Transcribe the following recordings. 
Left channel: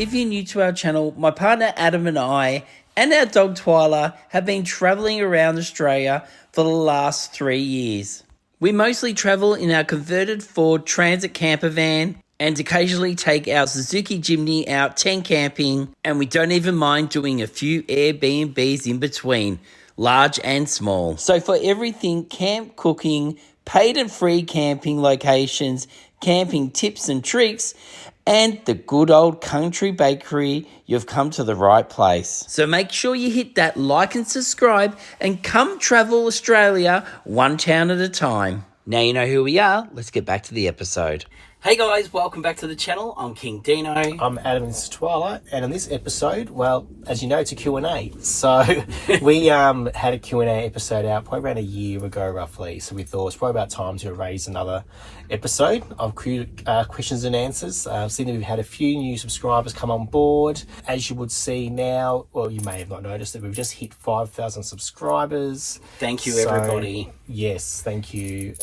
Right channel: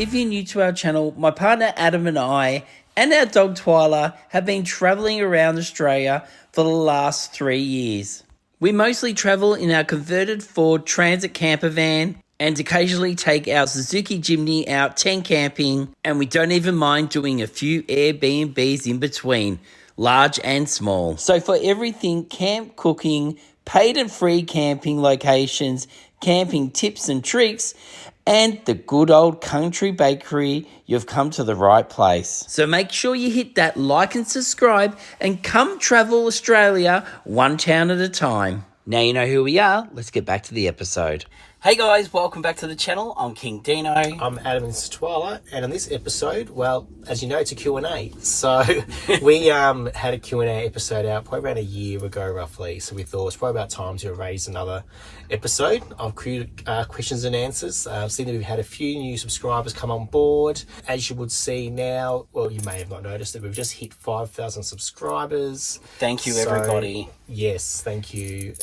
if you're new to our channel, my partner Adam and I and our dog Twyla have been travelling around Australia for the last 3 years. We mostly travel in our converted Ford Transit camper van and occasionally take our Suzuki Jimny out tent camping, and we don't even mind doing a few Airbnbs in between, large and small. So for everything camp cooking, paid and free camping locations, camping tips and tricks, and the good old country bakery, you've come to the right place. So make sure you hit that like and subscribe and come travel Australia one town at a time. Now you know who we are, let's get back to the episode. Hey guys, welcome back to the channel. I'm King Dino. I'm Adam, and this is Twyla, and in this episode, well, as you know, it's a Q&A. So we had a Q&A episode out probably around a year ago roughly, so we thought it's probably about time to raise another episode of questions and answers. Seeing that we've had a few new subscribers come on board. As you would see now, well, you may have not noticed that we've just hit 5,000 subscribers. Thank you, everybody. Yes, thank you.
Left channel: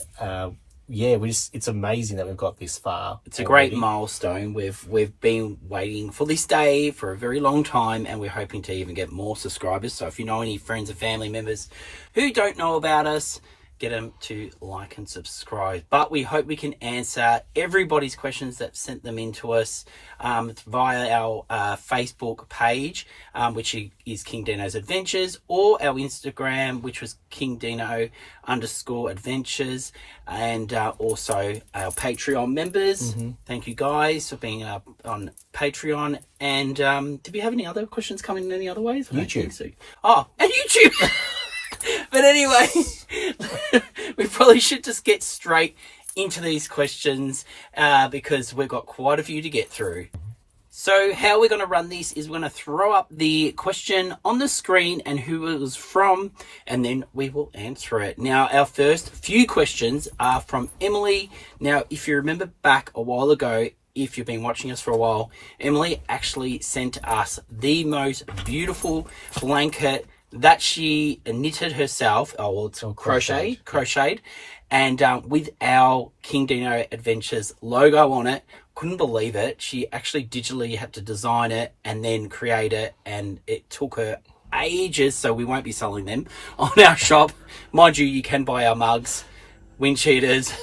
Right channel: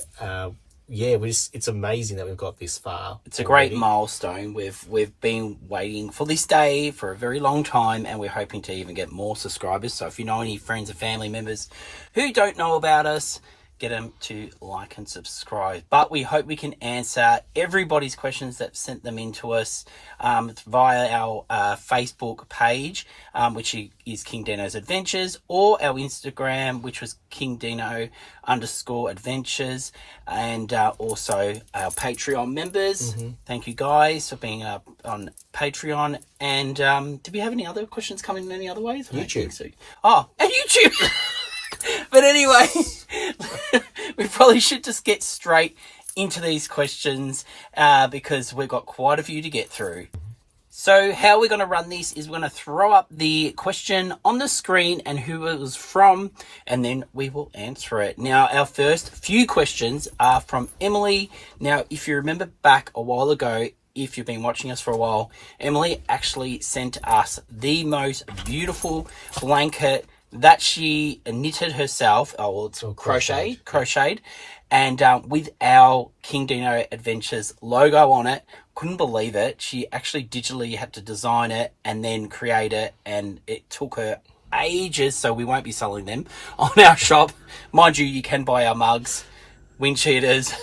Yeah, it's amazing that we've got this far. It's a great milestone. We've been waiting for this day for a very long time, and we're hoping to even get more subscribers. So if you know any friends or family members who don't know about us, get them to like and subscribe. But we hope we can answer everybody's questions that sent them in to us via our Facebook page, which is King Dino's Adventures, or our Instagram, which was KingDino_adventures, and also our Patreon members. Thank you guys for being on Patreon. And do we have any other questions coming in any other ways? YouTube. So. Oh, and YouTube! But anyway, we probably should just get straight into these questions because we've got quite a few to get through. So how we're going to run this is we're going to throw up the question on the screen and who it was from, and then we will answer it. Now, our first few questions are from Emily. Now, if you remember back a while ago, if you've been watching us for a while, Emily actually sent us the most beautiful blanket that she knitted herself. Oh, well, it's crocheted, and with our King Dino Adventures logo on it. Couldn't believe it. She actually digitally had to design it and then create it, and it took her ages, so we won't be selling them on our shop. Mind you, you can buy our mugs, wind cheaters,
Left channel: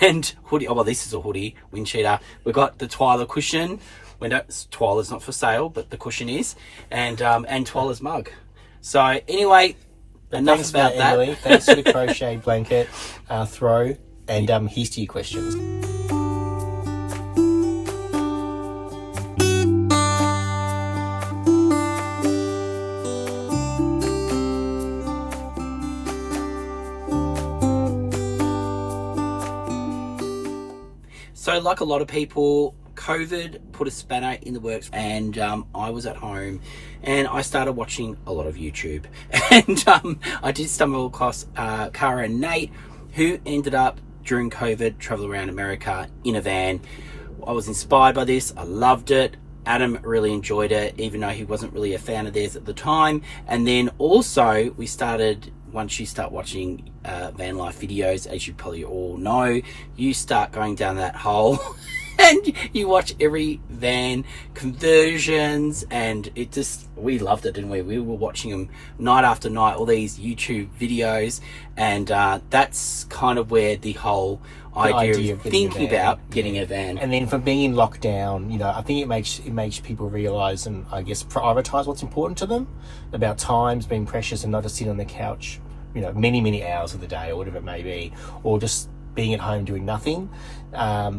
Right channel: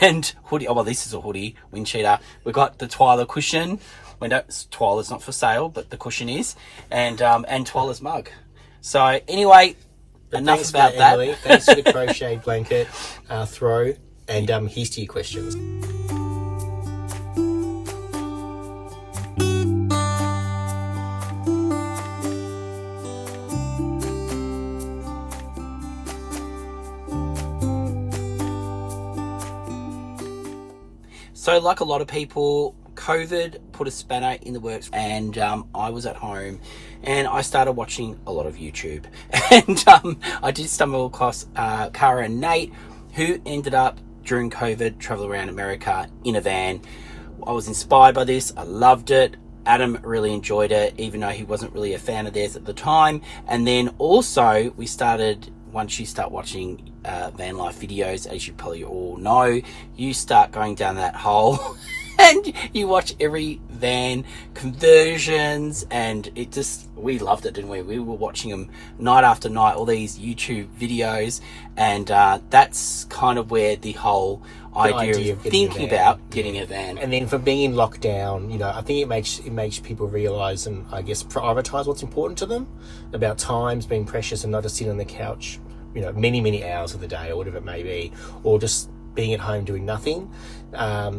and hoodie. Oh, well, this is a hoodie, wind cheater. We've got the Twyla cushion. Twyla's not for sale, but the cushion is, and Twyla's mug. So anyway, enough about that. Emily. Thanks for the crochet blanket throw, and here's to your questions. So like a lot of people, COVID put a spanner in the works, and I was at home and I started watching a lot of YouTube, and I did stumble across Cara and Nate, who ended up during COVID traveling around America in a van. I was inspired by this. I loved it. Adam really enjoyed it, even though he wasn't really a fan of theirs at the time. And then also we started, once you start watching Vanlife videos, as you probably all know, you start going down that hole and you watch every van conversions, and we loved it, didn't we? We were watching them night after night, all these YouTube videos, and that's kind of where the whole idea of thinking about getting a van. And then for being in lockdown, I think it makes people realise and I guess prioritise what's important to them, about times being precious and not just sitting on the couch, many hours of the day or whatever it may be, or just being at home doing nothing.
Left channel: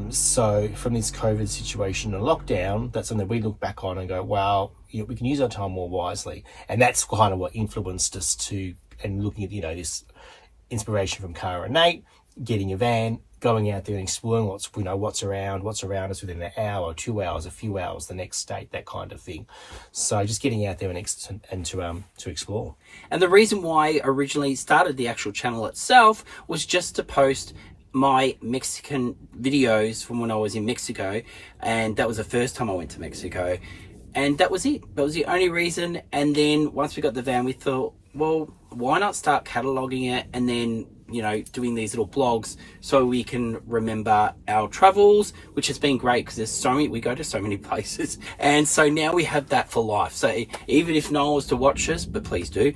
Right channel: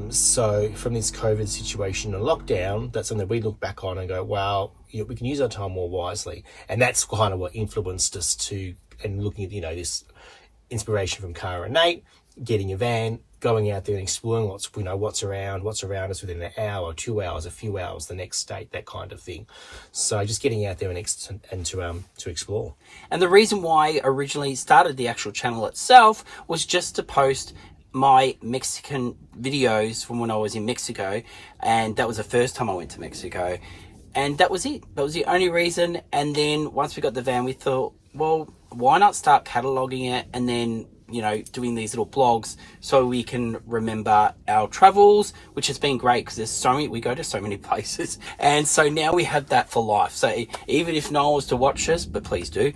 So from this COVID situation and lockdown, that's something we look back on and go, wow, we can use our time more wisely. And that's kind of what influenced us to, and looking at, this inspiration from Cara and Nate, getting a van, going out there and exploring what's around us within an hour, 2 hours, a few hours, the next state, that kind of thing. So just getting out there and to explore. And the reason why I originally started the actual channel itself was just to post my Mexican videos from when I was in Mexico, and that was the first time I went to Mexico, and that was it. That was the only reason. And then once we got the van, we thought, well, why not start cataloging it and then doing these little blogs so we can remember our travels, which has been great because we go to so many places. And so now we have that for life. So even if no one was to watch us, but please do,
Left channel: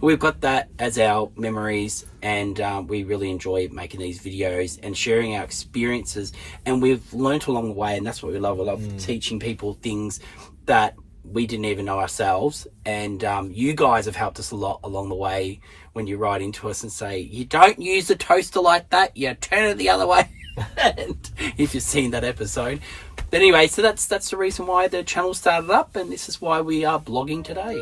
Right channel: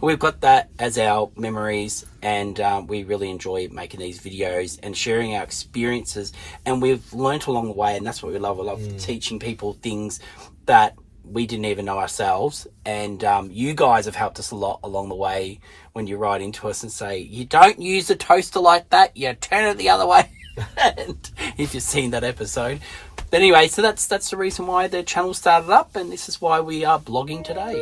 we've got that as our memories. And we really enjoy making these videos and sharing our experiences. And we've learnt along the way, and that's what we love. We love teaching people things that we didn't even know ourselves. And you guys have helped us a lot along the way when you write into us and say, you don't use a toaster like that, you turn it the other way. And you've just seen that episode. But anyway, so that's the reason why the channel started up, and this is why we are blogging today.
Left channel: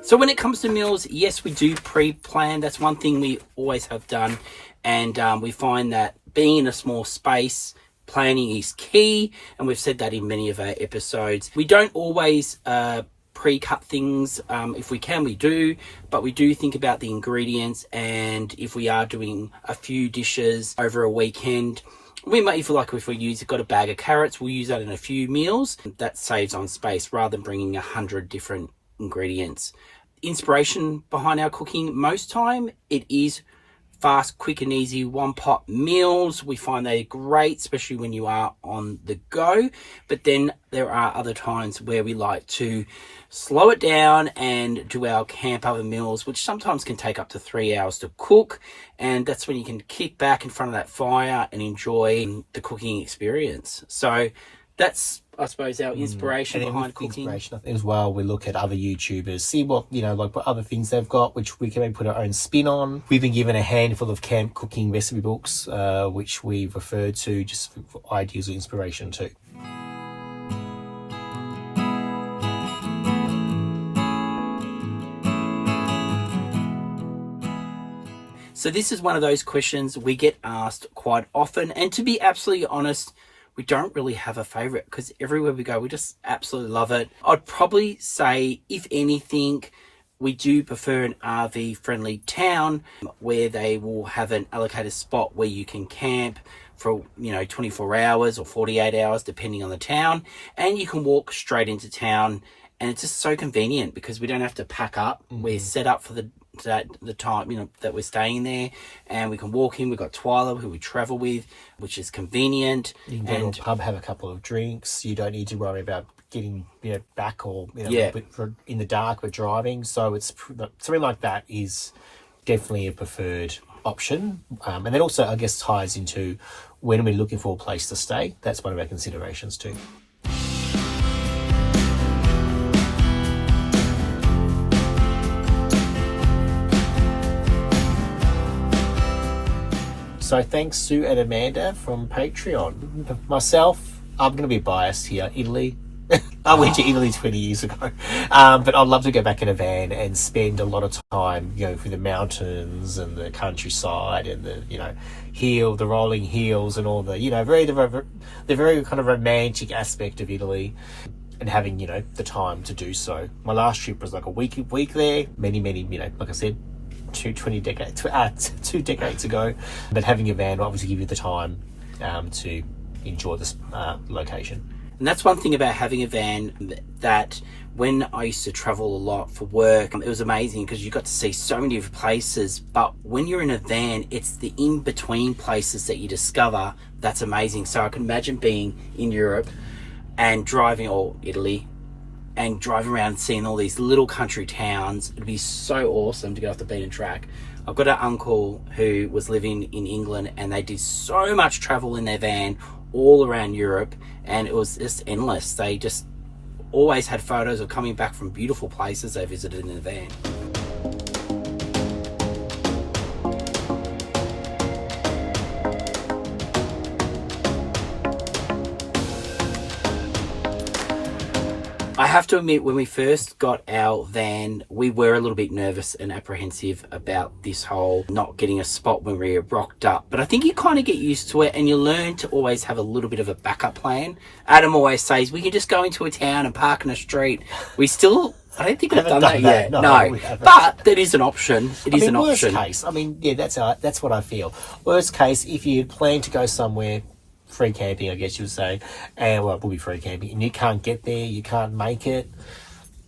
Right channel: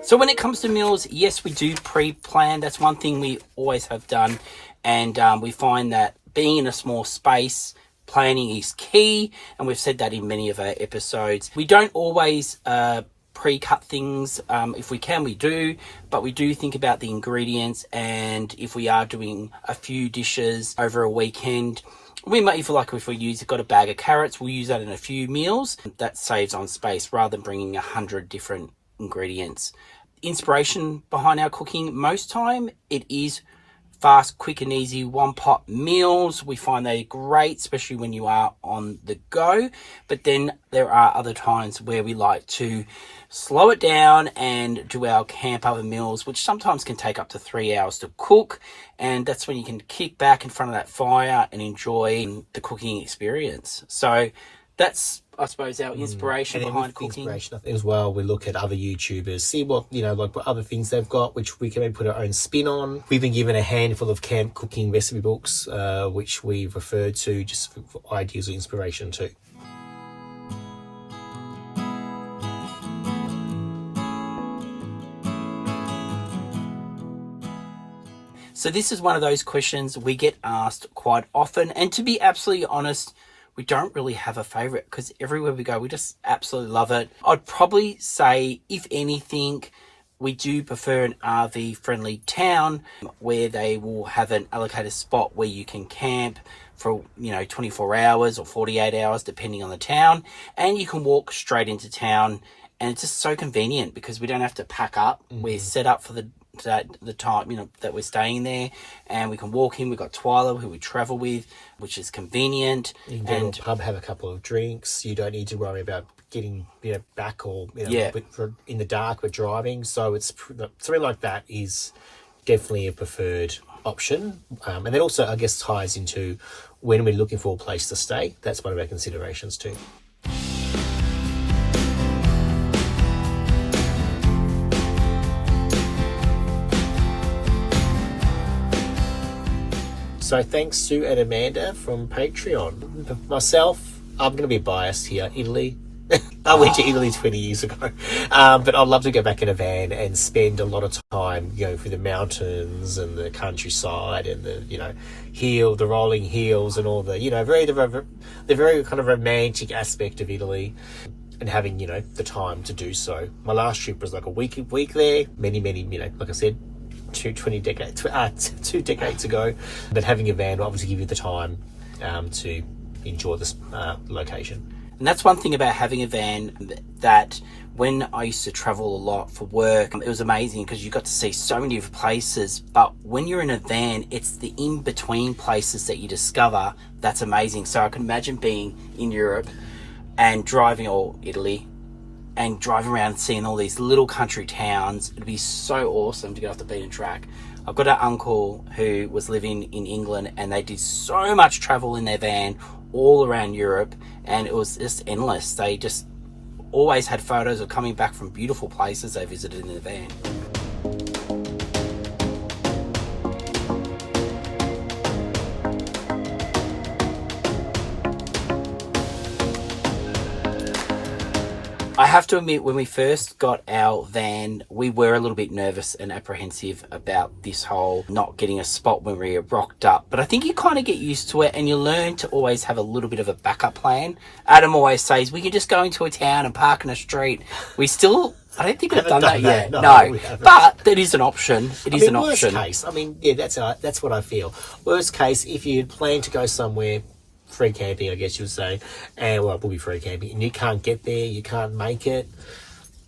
So when it comes to meals, yes, we do pre-plan. That's one thing we always have done. And we find that being in a small space, planning is key. And we've said that in many of our episodes. We don't always pre-cut things. If we can, we do. But we do think about the ingredients. And if we are doing a few dishes over a weekend, we might, if we've got a bag of carrots, we'll use that in a few meals. That saves on space rather than bringing 100 different ingredients. Inspiration behind our cooking, most time it is fast, quick and easy one pot meals. We find they're great, especially when you are on the go. But then there are other times where we like to slow it down and do our camp oven meals, which sometimes can take up to 3 hours to cook. And that's when you can kick back in front of that fire and enjoy the cooking experience. So that's, I suppose, our inspiration behind cooking. Inspiration as well. We look at other YouTubers, see what what other things they've got, which we can maybe put our own spin on. We've been given a handful of camp cooking recipe books, which we've referred to just for ideas or inspiration too. So this is one of those questions we get asked quite often, and to be absolutely honest, we don't really have a favorite because everywhere we go, we just absolutely love it. I'd probably say, if anything, we do prefer an RV friendly town where they will have an allocated spot where you can camp for 24 hours or 48 hours depending on the town, and you can walk straight into town. And it's just so convenient because we don't have to pack up. We're set up for the time that we're staying there, and we can walk in. We've got Twyla, who we travel with, which is convenient. You can go to a pub, have a couple of drinks. You don't need to worry about getting back or in the dark with driving. So it's something like that is definitely a preferred option. And then also, I guess, ties into when we're looking for a place to stay. That's one of our considerations too. So thanks Sue and Amanda from Patreon. Myself, I'm going to be biased here. Italy. I went to Italy 20 years ago. But I'd love to go back in a van and spend a lot of time going through the mountains and the countryside and the rolling hills and all the, the very kind of romantic aspect of Italy, and having, the time to do so. My last trip was like a week there, many, like I said, 2 decades ago, but having a van will obviously give you the time to enjoy this location. And that's one thing about having a van, that when I used to travel a lot for work, it was amazing because you got to see so many different places. But when you're in a van, it's the in-between places that you discover that's amazing. So I can imagine being in Europe and driving, or Italy, and driving around and seeing all these little country towns. It'd be so awesome to get off the beaten track. I've got an uncle who was living in England, and they did so much travel in their van all around Europe, and it was just endless. They just always had photos of coming back from beautiful places they visited in the van. I have to admit, when we first got our van, we were a little bit nervous and apprehensive about this whole not getting a spot when we rocked up. But I think you kind of get used to it, and you learn to always have a little bit of a backup plan. Adam always says, we can just go into a town and park in a street. I don't think we've done that yet. No. But that is an option. It is an option. Worst case, that's what I feel. Worst case, if you plan to go somewhere, free camping, I guess you would say, and well, it will be free camping, and you can't get there, you can't make it.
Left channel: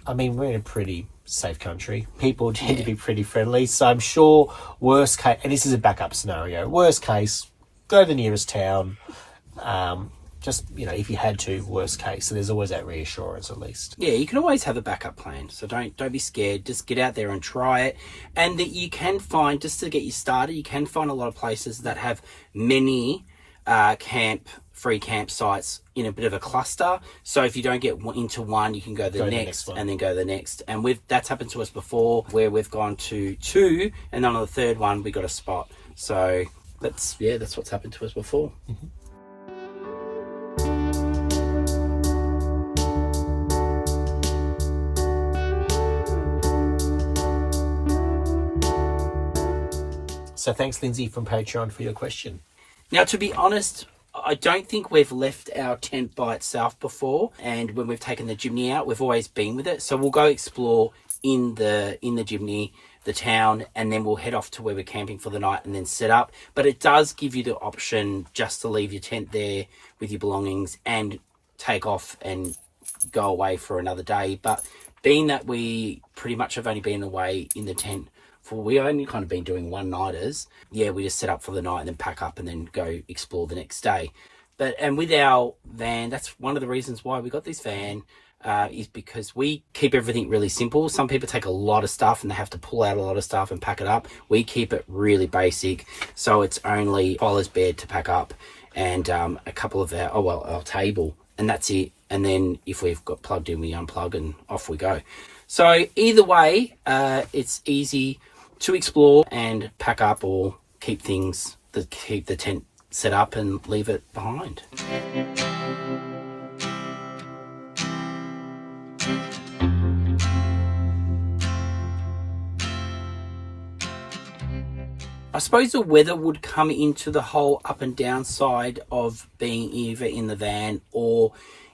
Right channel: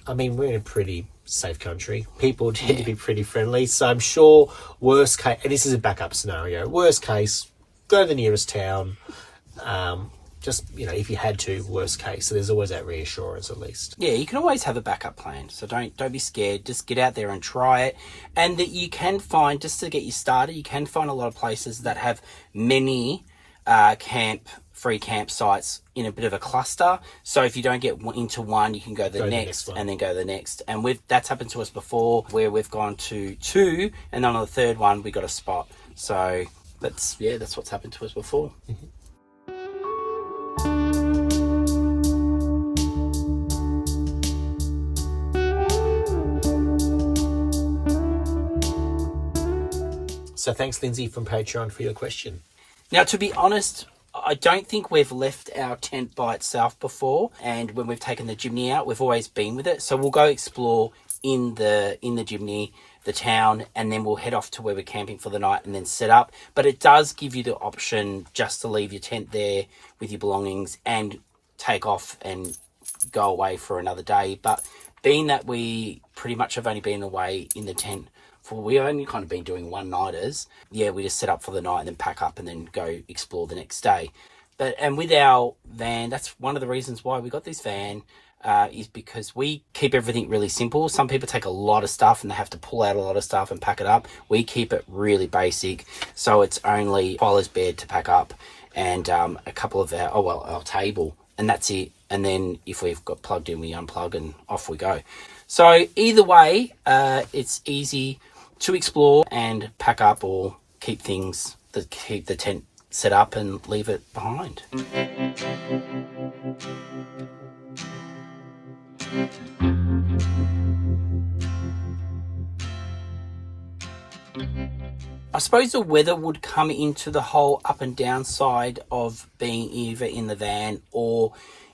I mean, we're in a pretty safe country. People tend to be pretty friendly, so I'm sure worst case, and this is a backup scenario, worst case, go to the nearest town, just, you know, if you had to, worst case. So there's always that reassurance at least. Yeah, you can always have a backup plan. So don't be scared. Just get out there and try it. And that you can find, just to get you started, you can find a lot of places that have many free campsites in a bit of a cluster. So if you don't get into one, you can go to the next and then go to the next. And that's happened to us before, where we've gone to 2, and then on the third one we got a spot. So that's what's happened to us before. Mm-hmm. So thanks, Lindsay from Patreon, for your question. Now, to be honest, I don't think we've left our tent by itself before, and when we've taken the Jimny out, we've always been with it. So we'll go explore in the Jimny, the town, and then we'll head off to where we're camping for the night and then set up. But it does give you the option just to leave your tent there with your belongings and take off and go away for another day. But being that we pretty much have only been away in the tent we've only kind of been doing one-nighters. Yeah, we just set up for the night and then pack up and then go explore the next day. And with our van, that's one of the reasons why we got this van, is because we keep everything really simple. Some people take a lot of stuff and they have to pull out a lot of stuff and pack it up. We keep it really basic. So it's only Twyla's bed to pack up and a couple of our table, and that's it. And then if we've got plugged in, we unplug and off we go. So either way, it's easy to explore and pack up, or keep the tent set up and leave it behind. I suppose the weather would come into the whole up and down side of being either in the van or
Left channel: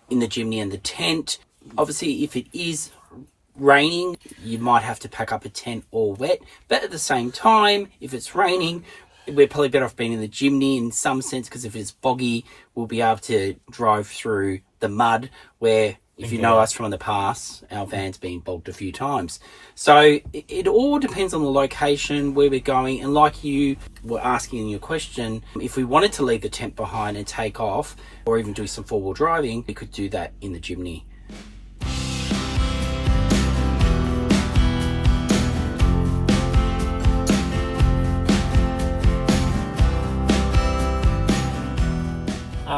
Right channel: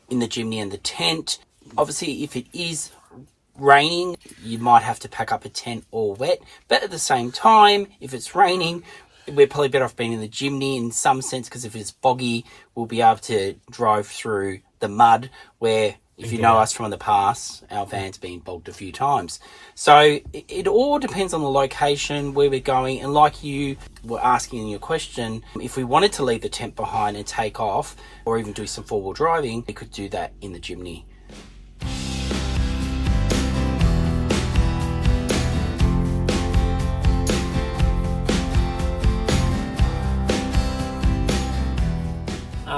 in the Jimny and the tent. Obviously, if it is raining, you might have to pack up a tent or wet, but at the same time, if it's raining, we're probably better off being in the Jimny in some sense, because if it's boggy, we'll be able to drive through the mud, where if you know us from the past, our van's been bogged a few times. So it all depends on the location, where we're going, and like you were asking in your question, if we wanted to leave the tent behind and take off, or even do some four-wheel driving, we could do that in the Jimny.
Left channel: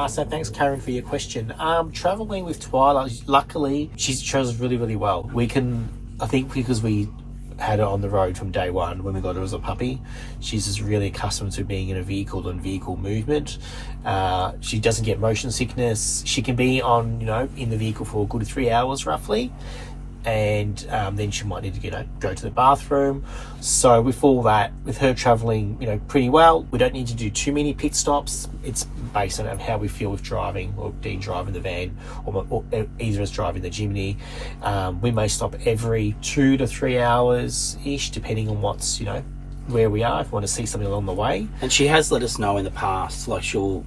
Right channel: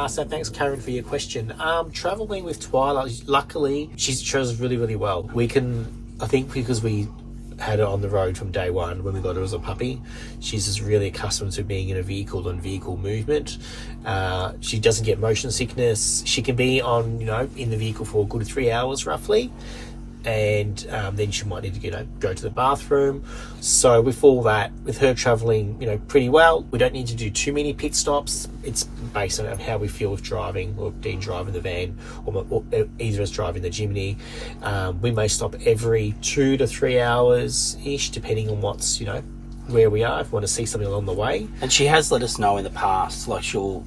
So thanks, Karen, for your question. Traveling with Twyla, luckily, she travels really, really well. I think because we had her on the road from day one when we got her as a puppy, she's just really accustomed to being in a vehicle and vehicle movement. She doesn't get motion sickness. She can be in the vehicle for a good 3 hours roughly. And then she might need to go to the bathroom. So with all that, with her traveling pretty well, we don't need to do too many pit stops. It's based on how we feel with driving, or Dean driving the van, or either of us driving the Jimny. We may stop every 2 to 3 hours ish, depending on what's where we are, if we want to see something along the way. And she has let us know in the past, like she'll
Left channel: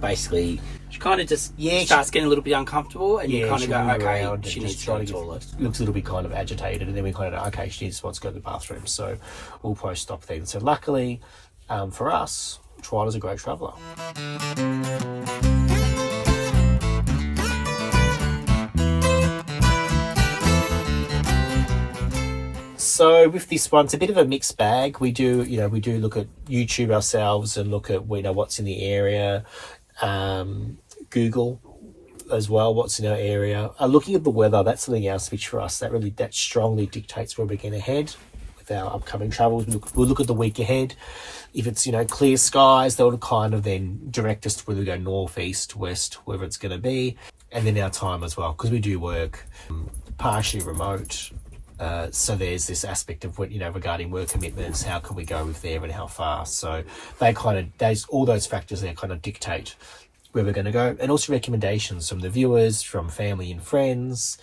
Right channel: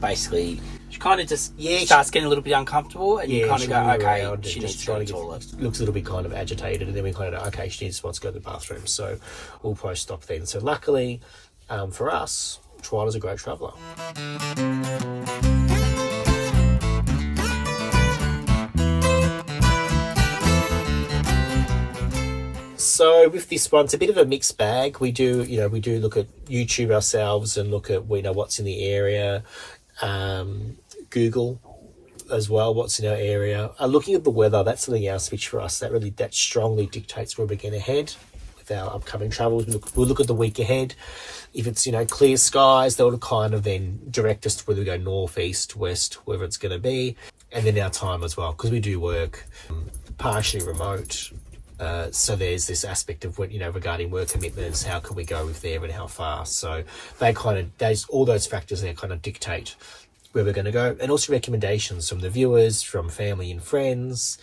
basically, she kind of just starts getting a little bit uncomfortable, and you kind of go, okay, she needs to go to the toilet. Looks a little bit kind of agitated, and then we kind of, okay, she just wants to go to the bathroom, so we'll probably stop then. So luckily for us, Twyla's a great traveller. So with this one, it's a bit of a mixed bag. We do look at YouTube ourselves and look at what's in the area, Google as well, what's in our area. Looking at the weather, that's something else which for us that strongly dictates where we're going to head with our upcoming travels. We'll look at the week ahead. If it's clear skies, that'll kind of then direct us to whether we go north, east, west, wherever it's going to be, and then our time as well, because we do work partially remote. So there's this aspect of what regarding work commitments, how can we go there and how fast. So all those factors there kind of dictate where we're going to go, and also recommendations from the viewers, from family and friends,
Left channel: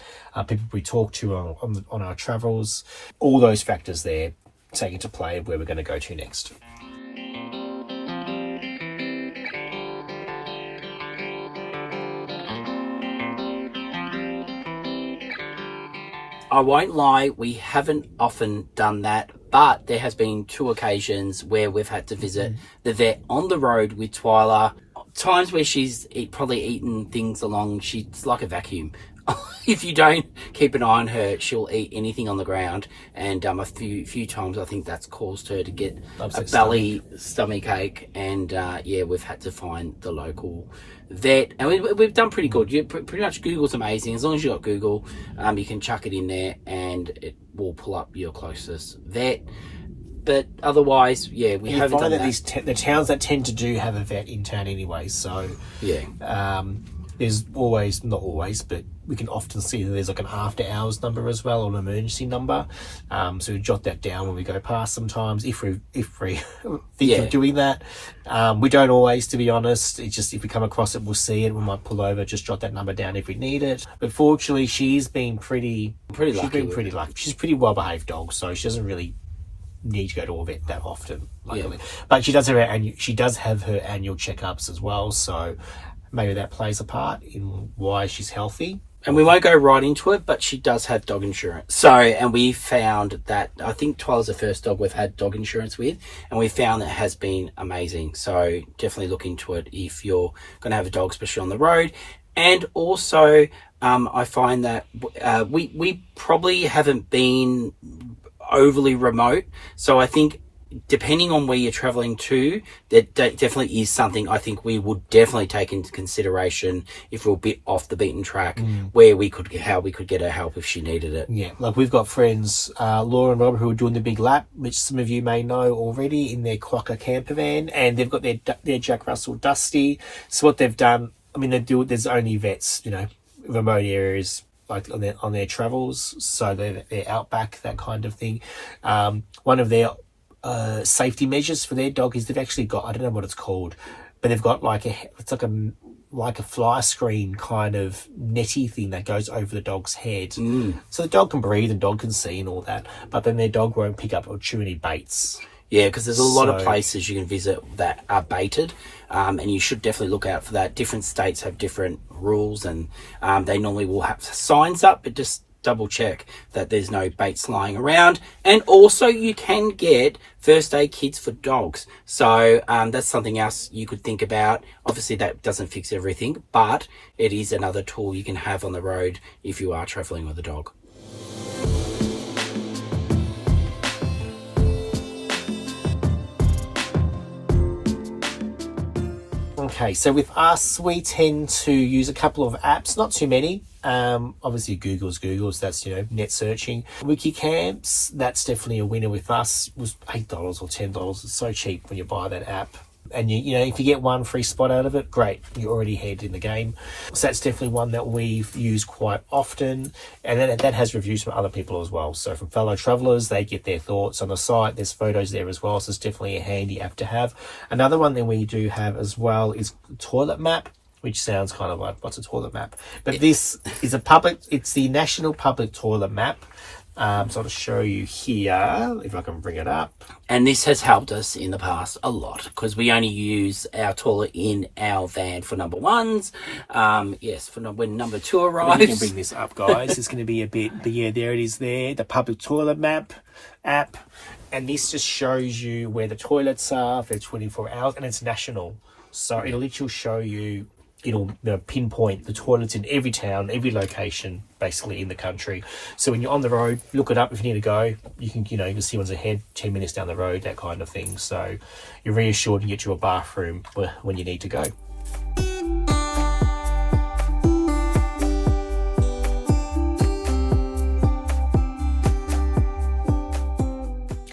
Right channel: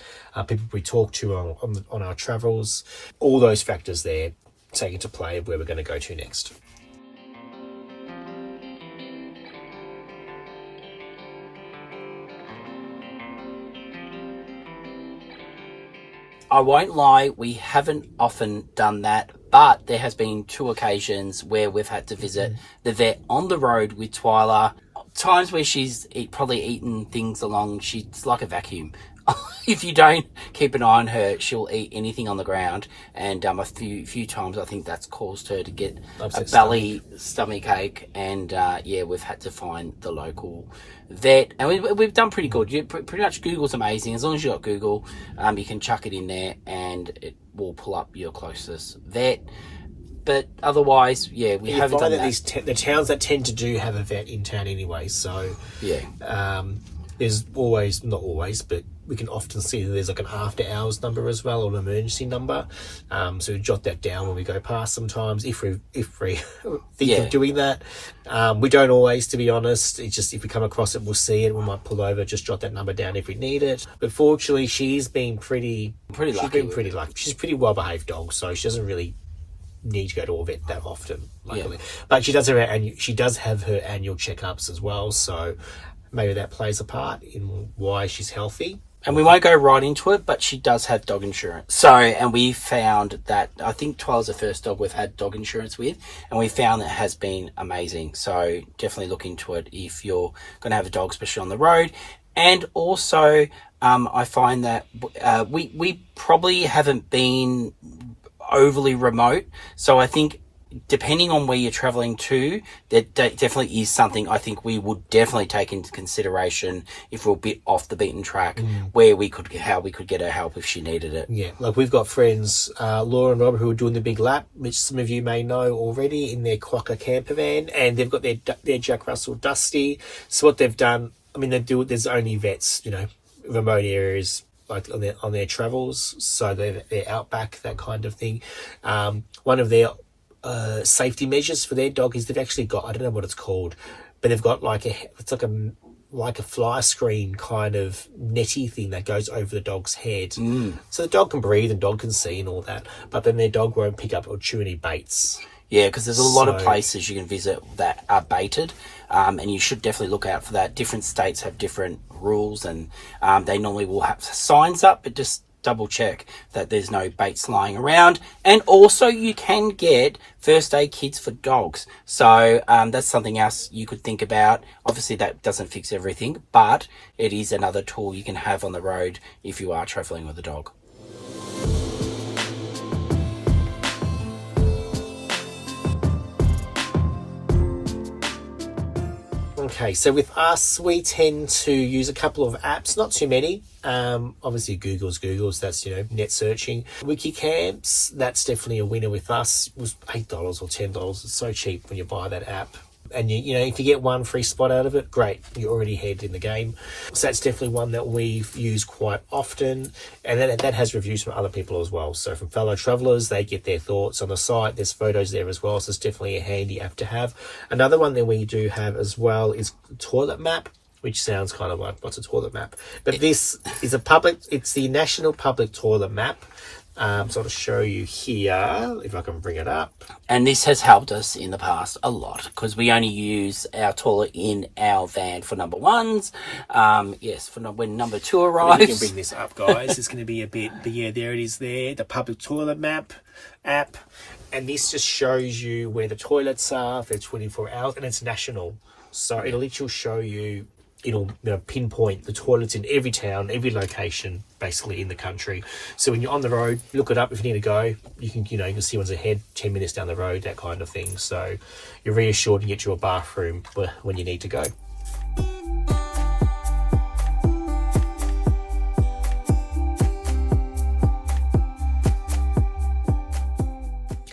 people we talk to on our travels. All those factors there take into play where we're going to go to next. I won't lie, we haven't often done that, but there has been 2 occasions where we've had to visit the vet on the road with Twyla. Times where she's probably eaten things along, she's like a vacuum. If you don't keep an eye on her, she'll eat anything on the ground. And a few times I think that's caused her to get a belly stomach ache. And yeah, we've had to find the local vet, and we've done pretty good. Pretty much Google's amazing. As long as you got Google, you can chuck it in there and it will pull up your closest vet. But otherwise, yeah, we haven't done that. The towns that tend to do have a vet in town anyway, so yeah. There's always, not always, but we can often see that there's like an after hours number as well, or an emergency number. So we jot that down when we go past sometimes, if we think of doing that. We don't always, to be honest. It's just if we come across it, we'll see it. We might pull over, just jot that number down if we need it. But fortunately, she's been pretty lucky. She's a pretty well-behaved dog, so she doesn't really need to go to a vet that often, luckily. Yeah. But she does have her annual checkups as well, so maybe that plays a part in why she's healthy. And we won't go right into it, but she does have dog insurance. So, and we found that, I think Twyla's the first dog we've had dog insurance with, and we found that it has been amazing. So definitely look into it if you're going to have a dog, especially on the road. And also, I find that we probably haven't been overly remote. So I think depending on where you're traveling to, that definitely is something I think we would definitely take into consideration if we're a bit off the beaten track, how we could get her help if she needed it. Yeah, like we've got friends, Laura and Rob, who are doing the big lap, which some of you may know already, in their Quokka campervan, and they've got their Jack Russell Dusty. So what they've done, I mean, there's only vets, remote areas, like on their travels, so they're outback, that kind of thing. One of their safety measures for their dog is they've actually got, I don't know what it's called, but they've got like a fly screen kind of netty thing that goes over the dog's head, so the dog can breathe and dog can see and all that, but then their dog won't pick up or chew any baits. Yeah, because there's a lot of places you can visit that are baited, and you should definitely look out for that. Different states have different rules, and they normally will have signs up, but just double check that there's no baits lying around. And also you can get first aid kits for dogs, so that's something else you could think about. Obviously that doesn't fix everything, but it is another tool you can have on the road if you are traveling with a dog. Okay, so with us, we tend to use a couple of apps, not too many. Obviously Google's, that's, net searching. Wikicamps, that's definitely a winner with us. It was $8 or $10. It's so cheap when you buy that app. And if you get one free spot out of it, great, you're already ahead in the game. So that's definitely one that we've used quite often, and then that has reviews from other people as well. So from fellow travelers, they get their thoughts on the site. There's photos there as well, so it's definitely a handy app to have. Another one that we do have as well is Toilet Map, which sounds kind of like, what's a toilet map? But this is it's the National Public Toilet Map. So I'll show you here, if I can bring it up. And this has helped us in the past a lot, because we only use our toilet in our van for number ones. Yes, for when number 2 arrives. You can bring this up, guys. It's going to be a bit, but yeah, there it is there, the Public Toilet Map app. And this just shows you where the toilets are for 24 hours, and it's national. So it'll literally show you, it'll pinpoint the toilets in every town, every location, basically in the country. So when you're on the road, look it up if you need to go. You can, you can see one's ahead, 10 minutes down the road, that kind of thing. So you're reassured and get you a bathroom when you need to go.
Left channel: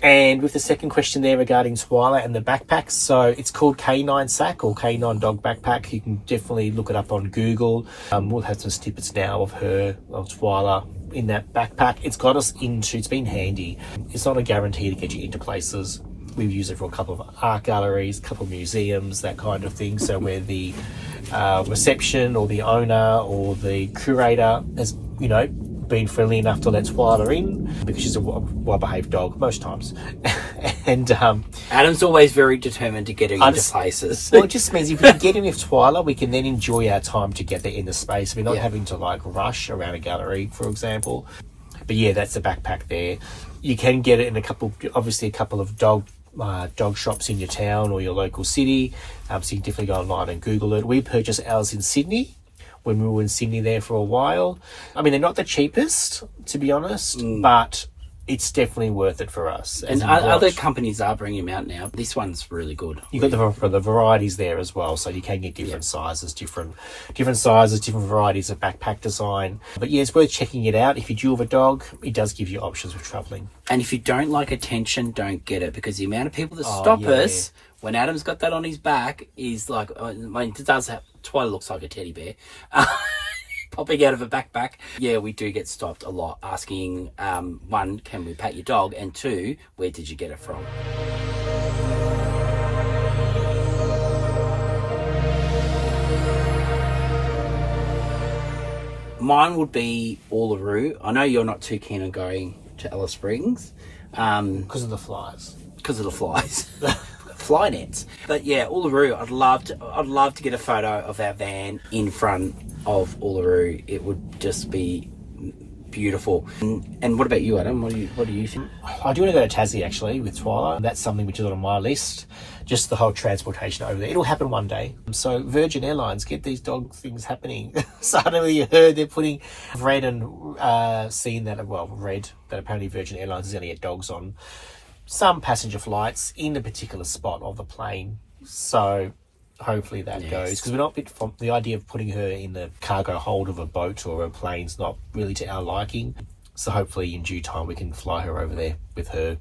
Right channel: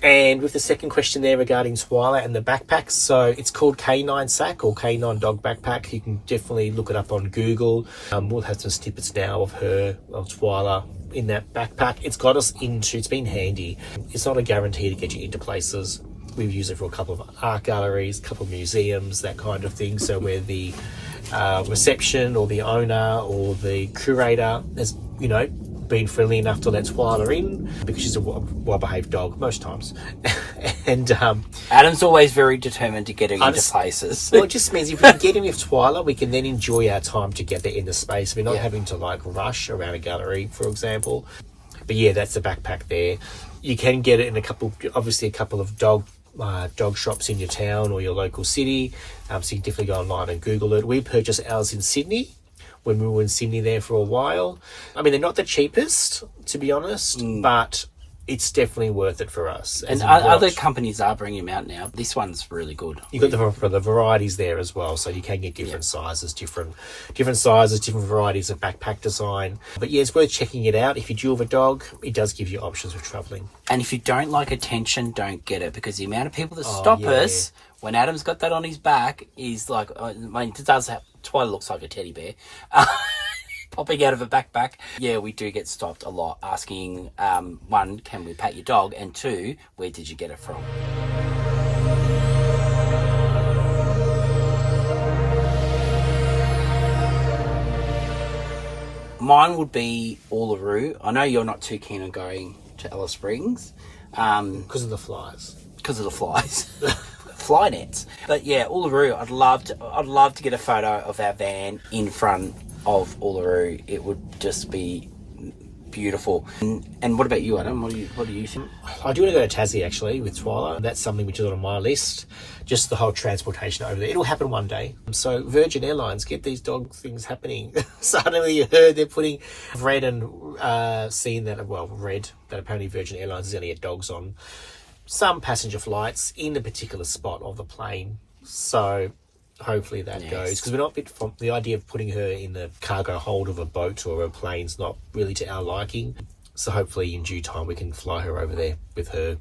And with the second question there regarding Twyla and the backpacks, so it's called K9 Sack or K9 Dog Backpack. You can definitely look it up on Google. We'll have some snippets now of Twyla in that backpack. It's got us into, it's been handy. It's not a guarantee to get you into places. We've used it for a couple of art galleries, a couple of museums, that kind of thing. So where the reception or the owner or the curator has, been friendly enough to let Twyla in, because she's a well-behaved dog most times. And Adam's always very determined to get her into places. Well, it just means if we can get in with Twyla, we can then enjoy our time together in the space. We're not having to rush around a gallery, for example. But yeah, that's the backpack there. You can get it in a couple of dog shops in your town or your local city. So you can definitely go online and Google it. We purchased ours in Sydney when we were in Sydney there for a while. I mean, they're not the cheapest, to be honest, but it's definitely worth it for us. And other companies are bringing them out now. This one's really good. You've got the varieties there as well, so you can get different sizes, different varieties of backpack design. But yeah, it's worth checking it out. If you do have a dog, it does give you options for travelling. And if you don't like attention, don't get it, because the amount of people that stop us when Adam's got that on his back is like, I mean, it does have, Twyla looks like a teddy bear. Popping out of a backpack. Yeah, we do get stopped a lot asking, one, can we pat your dog? And two, where did you get it from? Mine would be Uluru. I know you're not too keen on going to Alice Springs. Because of the flies. Because of the flies. Fly nets. But yeah, Uluru, I'd love to get a photo of our van in front of Uluru. It would just be beautiful. And what about you, Adam? What do you think? I do want to go to Tassie actually with Twyla. That's something which is on my list. Just the whole transportation over there. It'll happen one day. So Virgin Airlines, get these dog things happening. Suddenly you heard they're putting read that apparently Virgin Airlines is going to get dogs on some passenger flights in a particular spot of the plane. So hopefully that goes, because we're not from the idea of putting her in the cargo hold of a boat or a plane's not really to our liking. So hopefully in due time we can fly her over there with her,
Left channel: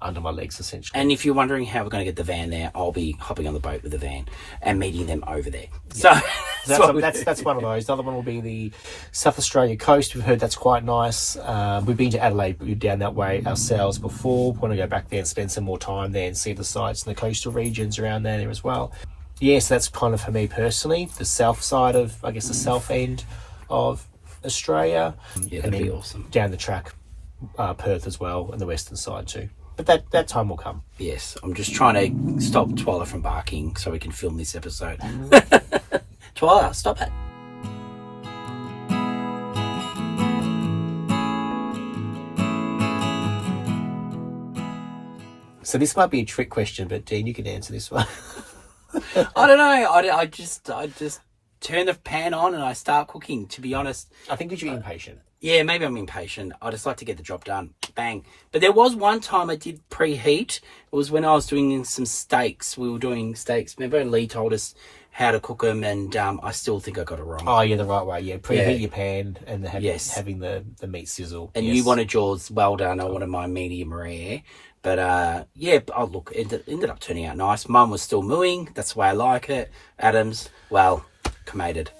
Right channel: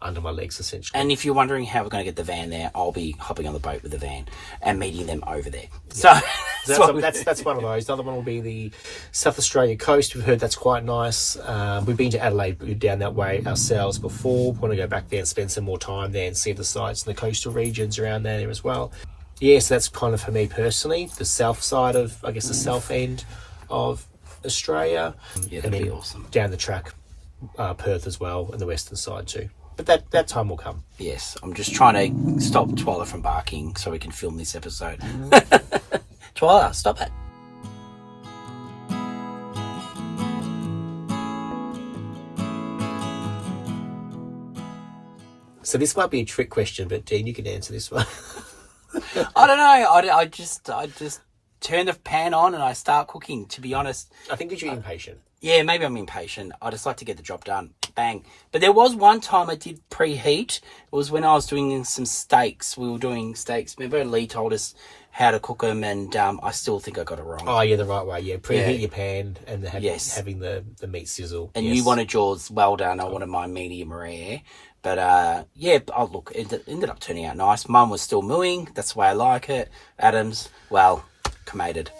under my legs essentially. And if you're wondering how we're going to get the van there, I'll be hopping on the boat with the van and meeting them over there. Yeah. So that's one of those. The other one will be the South Australia coast. We've heard that's quite nice. We've been to Adelaide, we've been down that way ourselves before. We want to go back there and spend some more time there and see the sights and the coastal regions around there as well. Yes, that's kind of for me personally, the south side of, I guess, the south end of Australia. Yeah, and then awesome. Down the track, Perth as well, and the western side too. But that time will come. Yes, I'm just trying to stop Twyla from barking so we can film this episode. Twyla, stop it. So this might be a trick question, but Dean, you can answer this one. I don't know. I just turn the pan on and I start cooking, to be honest. I think you're impatient. Yeah, maybe I'm impatient. I just like to get the job done. Bang. But there was one time I did preheat. It was when I was doing some steaks. We were doing steaks. Remember Lee told us how to cook them, and I still think I got it wrong. Oh, yeah, the right way. Yeah, preheat your pan and having the meat sizzle. And you wanted yours well done. I wanted mine medium rare. But look, it ended up turning out nice. Mine was still mooing. That's the way I like it. Adam's, well, cremated.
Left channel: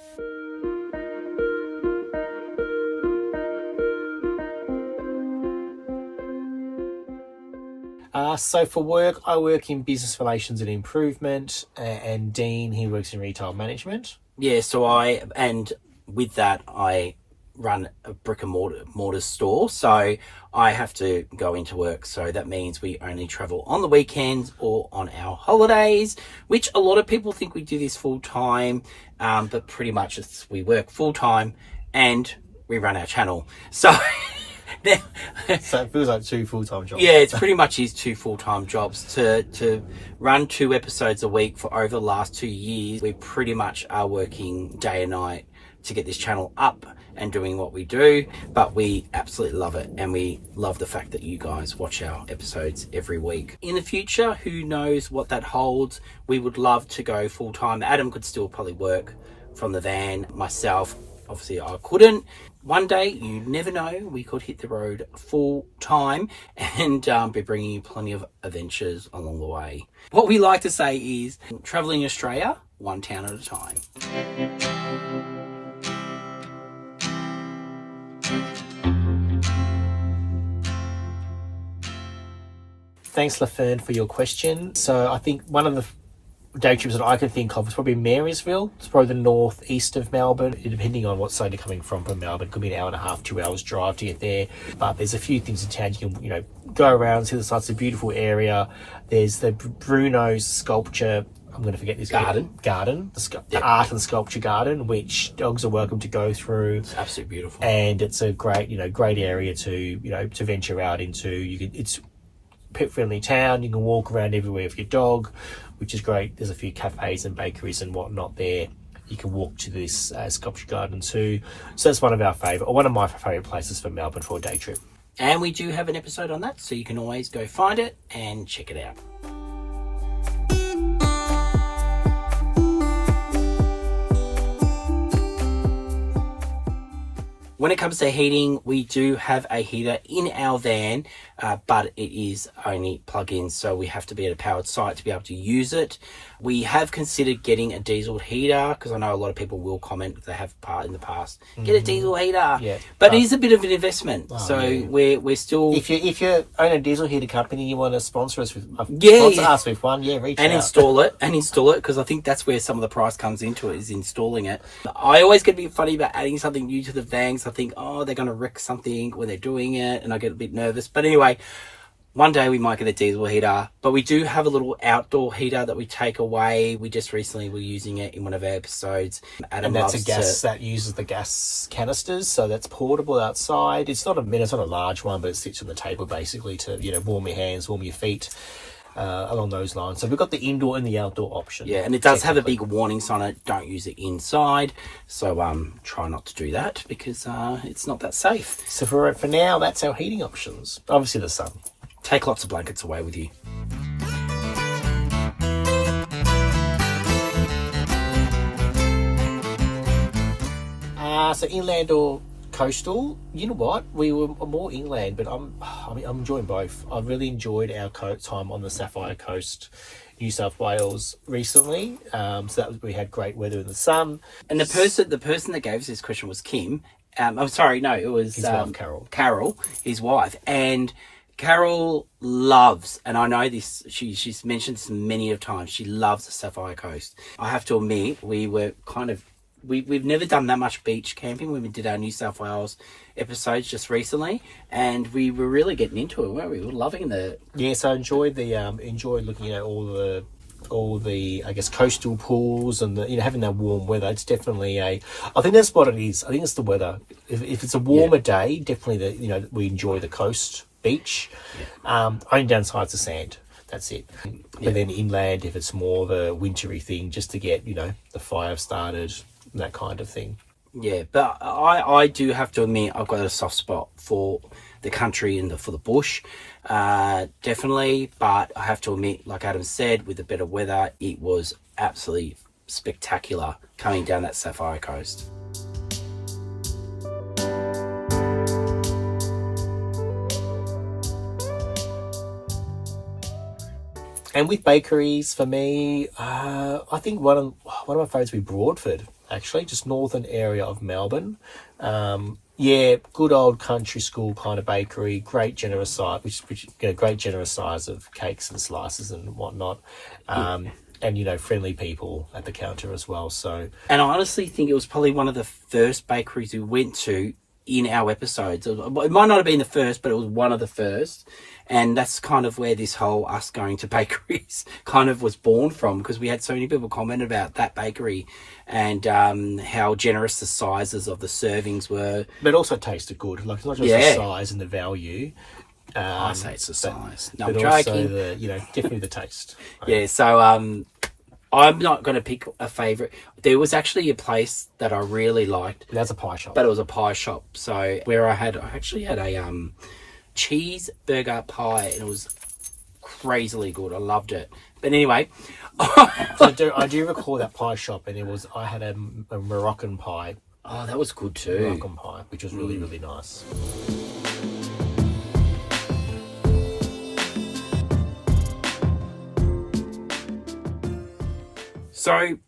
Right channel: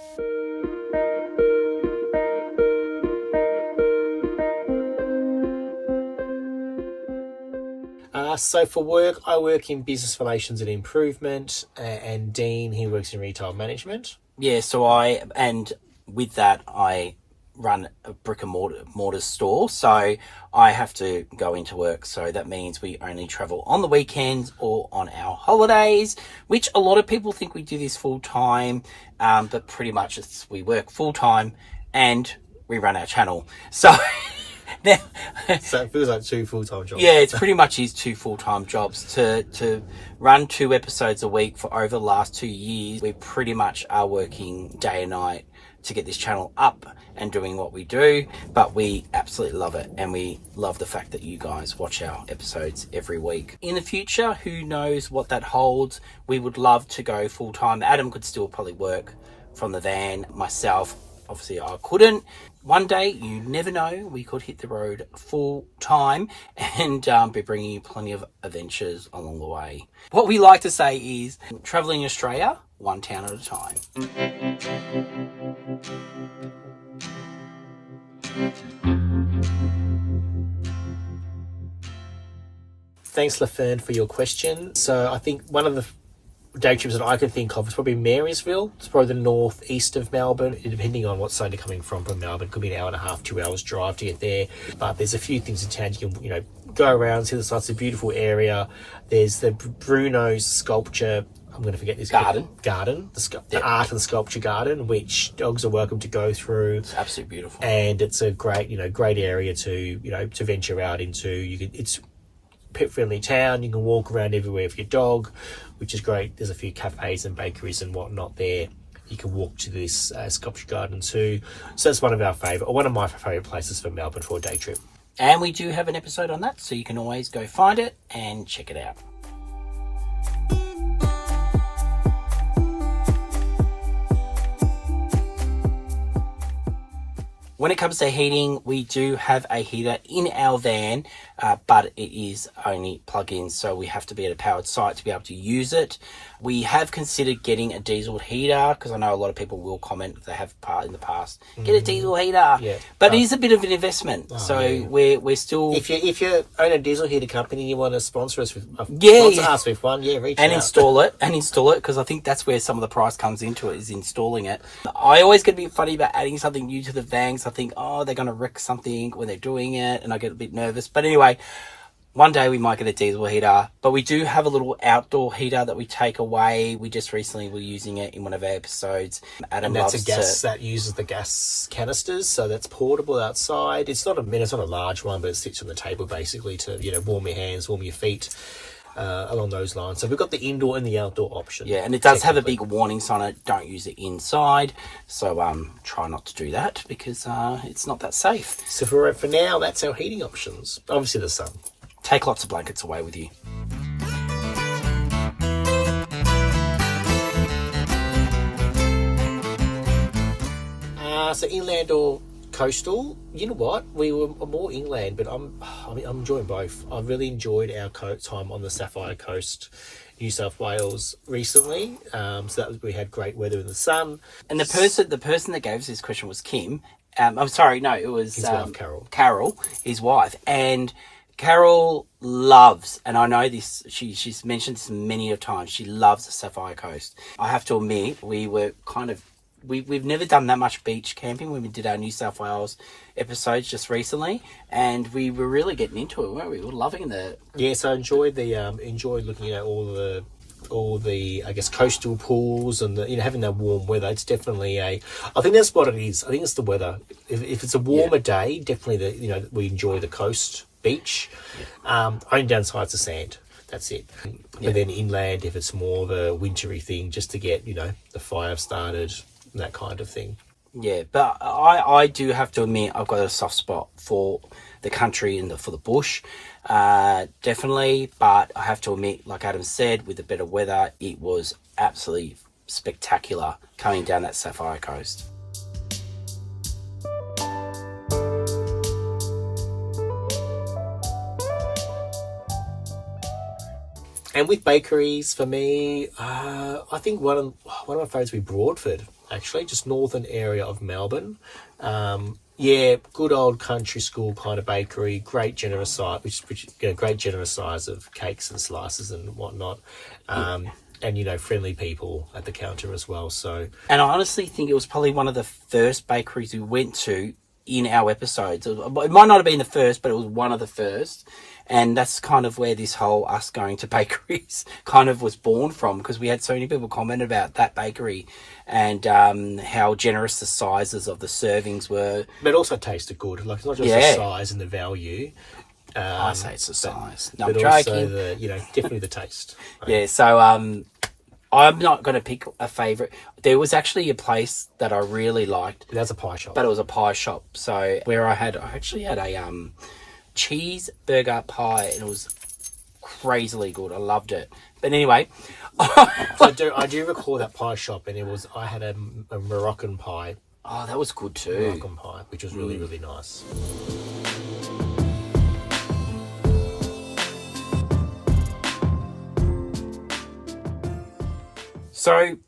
So for work, I work in business relations and improvement, and Dean, he works in retail management. Yeah, and with that, I run a brick and mortar store, so I have to go into work. So that means we only travel on the weekends or on our holidays, which a lot of people think we do this full time, but pretty much we work full time and we run our channel. So so it feels like 2 full-time jobs. Yeah, it's pretty much is 2 full-time jobs. To run 2 episodes a week for over the last 2 years, we pretty much are working day and night to get this channel up and doing what we do, but we absolutely love it, and we love the fact that you guys watch our episodes every week. In the future, who knows what that holds? We would love to go full-time. Adam could still probably work from the van. Myself, obviously I couldn't. One day, you never know, we could hit the road full time and be bringing you plenty of adventures along the way. What we like to say is traveling Australia, one town at a time. Thanks, Lafern, for your question. So I think one of the day trips that I can think of is probably Marysville. It's probably the northeast of Melbourne, depending on what side you're coming from Melbourne. It could be an hour and a half, 2 hours drive to get there. But there's a few things in town you can, go around, see the sights. It's a beautiful area. There's the Bruno's sculpture I'm going to forget this Garden. The art and sculpture garden, which dogs are welcome to go through. It's absolutely beautiful. And it's a great area to, to venture out into. It's pet-friendly town. You can walk around everywhere with your dog, which is great. There's a few cafes and bakeries and whatnot there. You can walk to this sculpture garden too. So it's one of my favourite places for Melbourne for a day trip. And we do have an episode on that, so you can always go find it and check it out. When it comes to heating, we do have a heater in our van, but it is only plug-in, so we have to be at a powered site to be able to use it. We have considered getting a diesel heater, because I know a lot of people will comment if they have in the past, get a diesel heater. Yeah. But it is a bit of an investment, we're still... If you own a diesel heater company and you want to sponsor us with us with one, reach out. Install it, because I think that's where some of the price comes into it, is installing it. I always get a bit funny about adding something new to the van, because I think, they're going to wreck something when they're doing it, and I get a bit nervous. But anyway, one day we might get a diesel heater, but we do have a little outdoor heater that we take away. We just recently were using it in one of our episodes. And that's a gas that uses the gas canisters, so that's portable outside. It's not a large one, but it sits on the table basically to warm your hands, warm your feet. Along those lines. So we've got the indoor and the outdoor option. Yeah, and it does have a big warning sign on it, don't use it inside. So try not to do that, because it's not that safe. So for now, that's our heating options. Obviously the sun. Take lots of blankets away with you. So inland or coastal, you know what? We were more inland, but I'm enjoying both. I've really enjoyed our time on the Sapphire Coast, New South Wales recently. We had great weather in the sun. And the person that gave us this question was Kim. I'm sorry, no, it was his wife, Carol. Carol, his wife, and Carol loves, and I know this, she's mentioned this many a times, she loves the Sapphire Coast. I have to admit, we were we've never done that much beach camping when we did our New South Wales episodes just recently, and we were really getting into it, weren't we? We were loving the... Yes, I enjoyed looking at all the I guess coastal pools and having that warm weather. It's definitely I think that's what it is. I think it's the weather. If it's a warmer day, definitely we enjoy the coast beach. Only downside's the sand. That's it. But then inland, if it's more of a wintry thing, just to get the fire started, that kind of thing. Yeah, but I do have to admit, I've got a soft spot for the country and for the bush, definitely. But I have to admit, like Adam said, with the better weather, it was absolutely spectacular coming down that Sapphire Coast. And with bakeries, for me, I think one of my favourites would be Broadford, actually, just northern area of Melbourne. Good old country school kind of bakery, great generous size, great generous size of cakes and slices and whatnot. And friendly people at the counter as well. So, and I honestly think it was probably one of the first bakeries we went to in our episodes. It might not have been the first, but it was one of the first. And that's kind of where this whole us going to bakeries kind of was born from, because we had so many people comment about that bakery and how generous the sizes of the servings were. But it also tasted good. Like, it's not just the size and the value. I say it's the size. No, but I'm also joking. definitely the taste. Yeah, so I'm not going to pick a favourite. There was actually a place that I really liked. That's a pie shop. But it was a pie shop. So where I actually had a cheeseburger pie, and it was crazily good. I loved it. But anyway, I do recall that pie shop, and I had a Moroccan pie. Oh, that was good too. Moroccan pie, which was really, really nice. So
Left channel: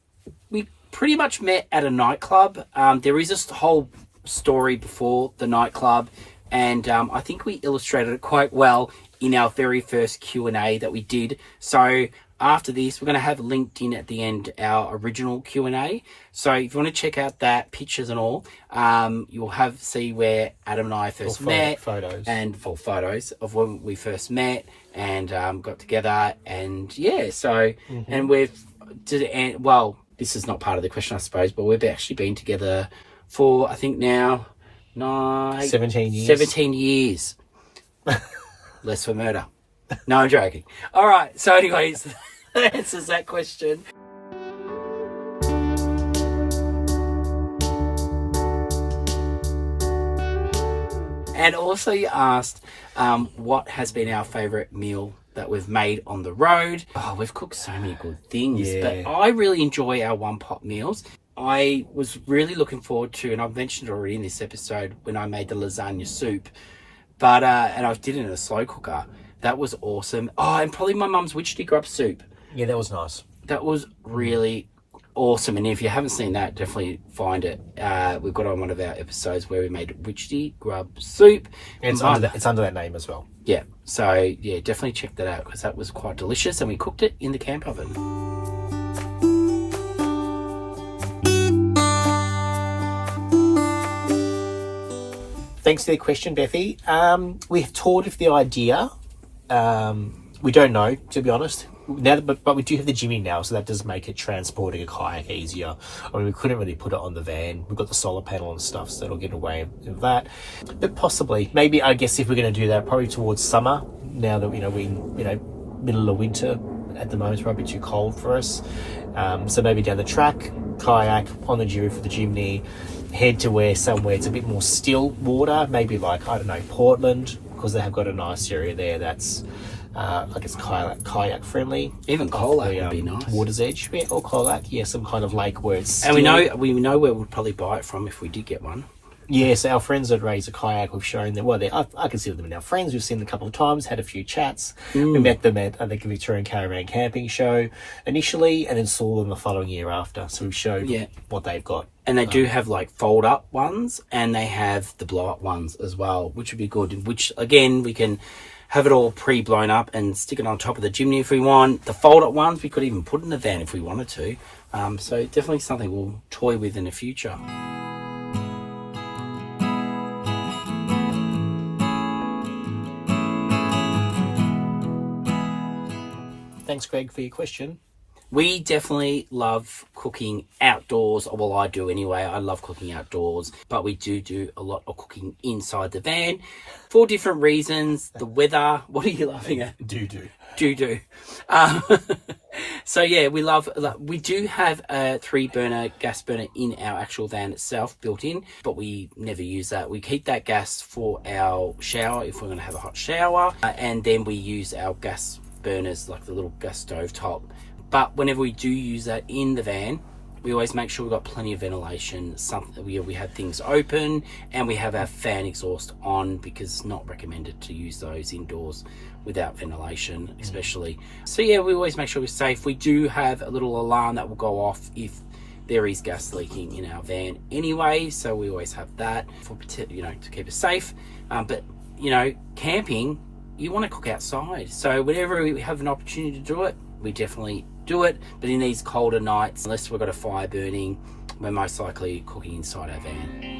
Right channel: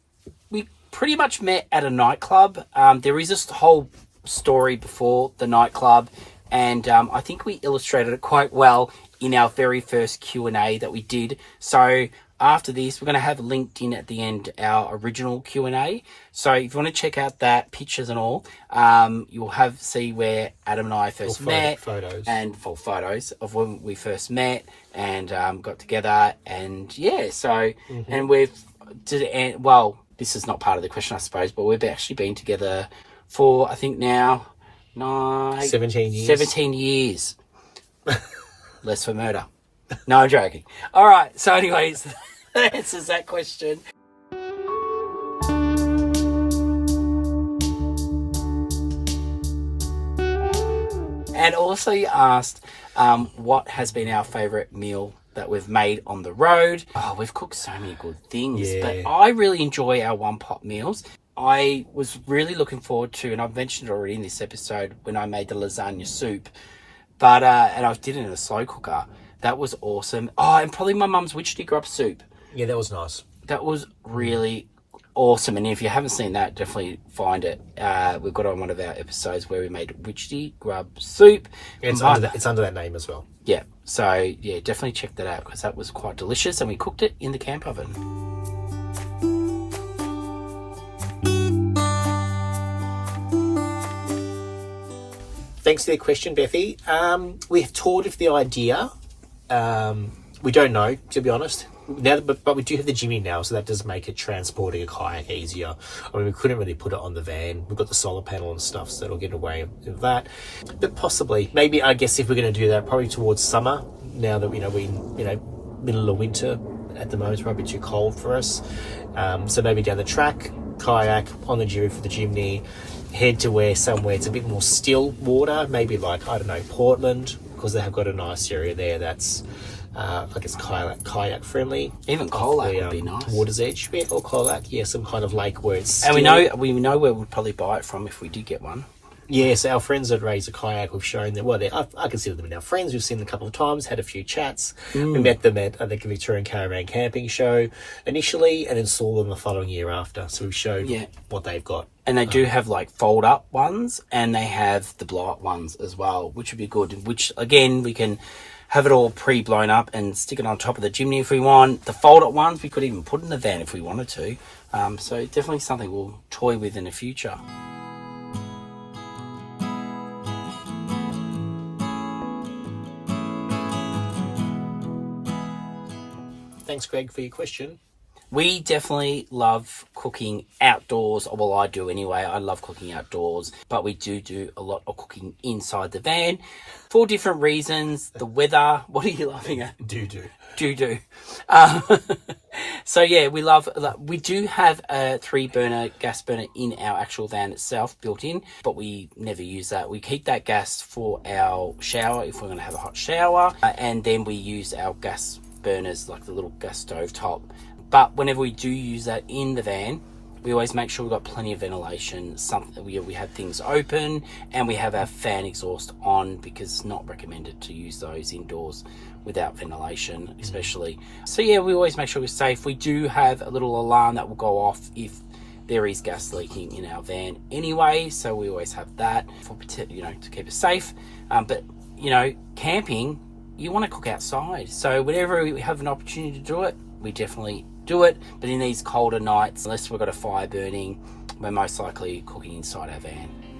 we pretty much met at a nightclub. There is this whole story before the nightclub, and I think we illustrated it quite well in our very first Q&A that we did. So after this, we're going to have linked in at the end our original Q&A. So if you want to check out that, pictures and all, you'll see where Adam and I first met. And full photos of when we first met and got together. And yeah, so, and well, this is not part of the question, I suppose, but we've actually been together for, I think now, 17 years. 17 years. Less for murder. No, I'm joking. All right. So anyways, that answers that question. And also you asked what has been our favourite meal that we've made on the road. Oh, we've cooked so many good things. Yeah. But I really enjoy our one-pot meals. I was really looking forward to, and I've mentioned already in this episode, when I made the lasagna soup. But, and I did it in a slow cooker. That was awesome. Oh, and probably my mum's witchetty grub soup. Yeah, that was nice. That was really awesome. And if you haven't seen that, definitely find it. We've got on one of our episodes where we made witchetty grub soup. It's under that name as well. Yeah. So, yeah, definitely check that out because that was quite delicious. And we cooked it in the camp oven. Thanks for the question, Bethy. We have toured with the idea. We don't know, to be honest. Now, but we do have the Jimmy now, so that does make it transporting a kayak easier. I mean, we couldn't really put it on the van. We've got the solar panel and stuff, so it'll get away with that. But possibly, maybe, I guess if we're going to do that, probably towards summer. Now that we middle of winter at the moment, it's probably too cold for us. So maybe down the track, kayak on the Jimmy for the Jimny. Head to somewhere it's a bit more still water, maybe like, I don't know, Portland, because they have got a nice area there that's, I guess, kayak friendly. Even Colac would be nice. Water's Edge, yeah, or Colac, yeah, some kind of lake where it's still. And we know where we'd probably buy it from if we did get one. Yes, our friends that raise a kayak, we've shown them. Well, I consider them our friends. We've seen them a couple of times, had a few chats. We met them at, I think, a Victorian Caravan Camping show initially, and then saw them the following year after. So we've showed what they've got. And they do have like fold up ones, and they have the blow up ones as well, which would be good. Which again, we can have it all pre-blown up and stick it on top of the chimney if we want. The fold up ones we could even put in the van if we wanted to. So definitely something we'll toy with in the future. Thanks, Greg, for your question. We definitely love cooking outdoors. Well, I do anyway. I love cooking outdoors, but we do a lot of cooking inside the van for different reasons. The weather. What are you laughing at? Do. So yeah, we do have a 3-burner gas burner in our actual van itself built in, but we never use that. We keep that gas for our shower if we're going to have a hot shower, and then we use our gas burners like the little gas stove top. But whenever we do use that in the van, we always make sure we've got plenty of ventilation. We have things open, and we have our fan exhaust on because it's not recommended to use those indoors without ventilation, especially. So yeah, we always make sure we're safe. We do have a little alarm that will go off if there is gas leaking in our van anyway. So we always have that for, to keep us safe. But camping, you want to cook outside. So whenever we have an opportunity to do it, we definitely do it. But in these colder nights, unless we've got a fire burning, we're most likely cooking inside our van.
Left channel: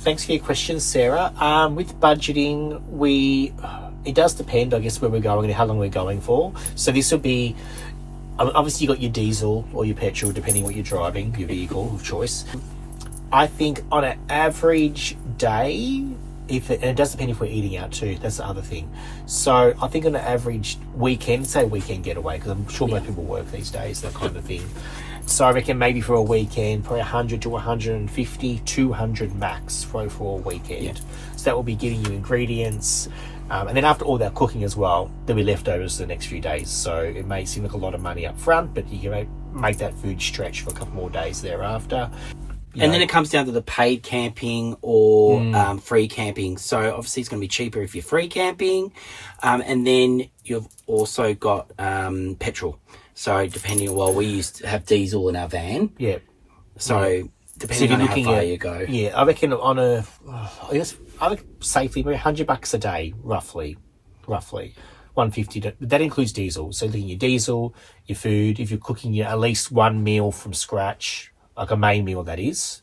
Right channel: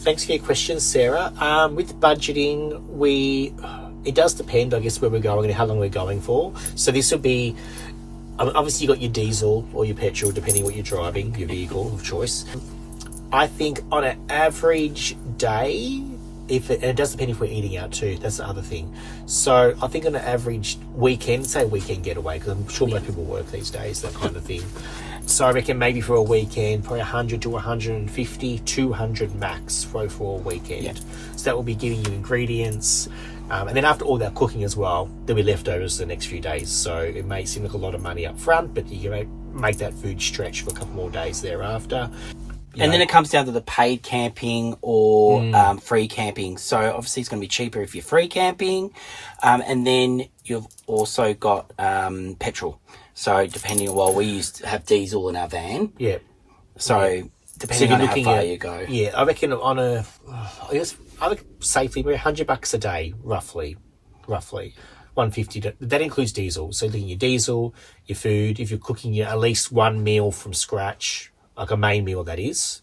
Thanks for your questions, Sarah. With budgeting, it does depend, I guess, where we're going and how long we're going for. So this would be, obviously you got your diesel or your petrol, depending on what you're driving, your vehicle of choice. I think on an average day, and it does depend if we're eating out too, that's the other thing. So I think on an average weekend, say weekend getaway, because I'm sure most people work these days, that kind of thing. So I reckon maybe for a weekend, probably 100 to 150, 200 max for a weekend. Yeah. So that will be giving you ingredients. And then after all that cooking as well, there'll be leftovers the next few days. So it may seem like a lot of money up front, but you can make that food stretch for a couple more days thereafter. And then it comes down to the paid camping or free camping. So obviously it's going to be cheaper if you're free camping. And then you've also got petrol. So depending on, we used to have diesel in our van. Yeah. So depending on how far you go. Yeah, I reckon I would safely be $100 a day, roughly. 150. That includes diesel. So looking at your diesel, your food, if you're cooking at least one meal from scratch, like a main meal that is,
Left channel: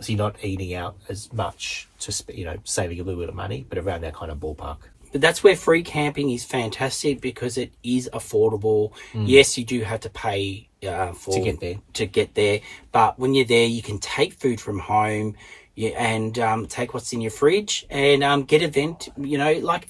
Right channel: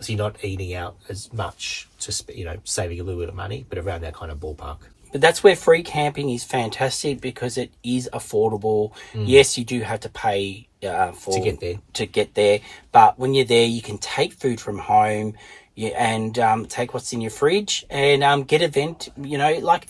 so you're not eating out as much saving a little bit of money, but around that kind of ballpark. But that's where free camping is fantastic because it is affordable. Yes, you do have to pay to get there, but when you're there, you can take food from home, and take what's in your fridge and get event. Like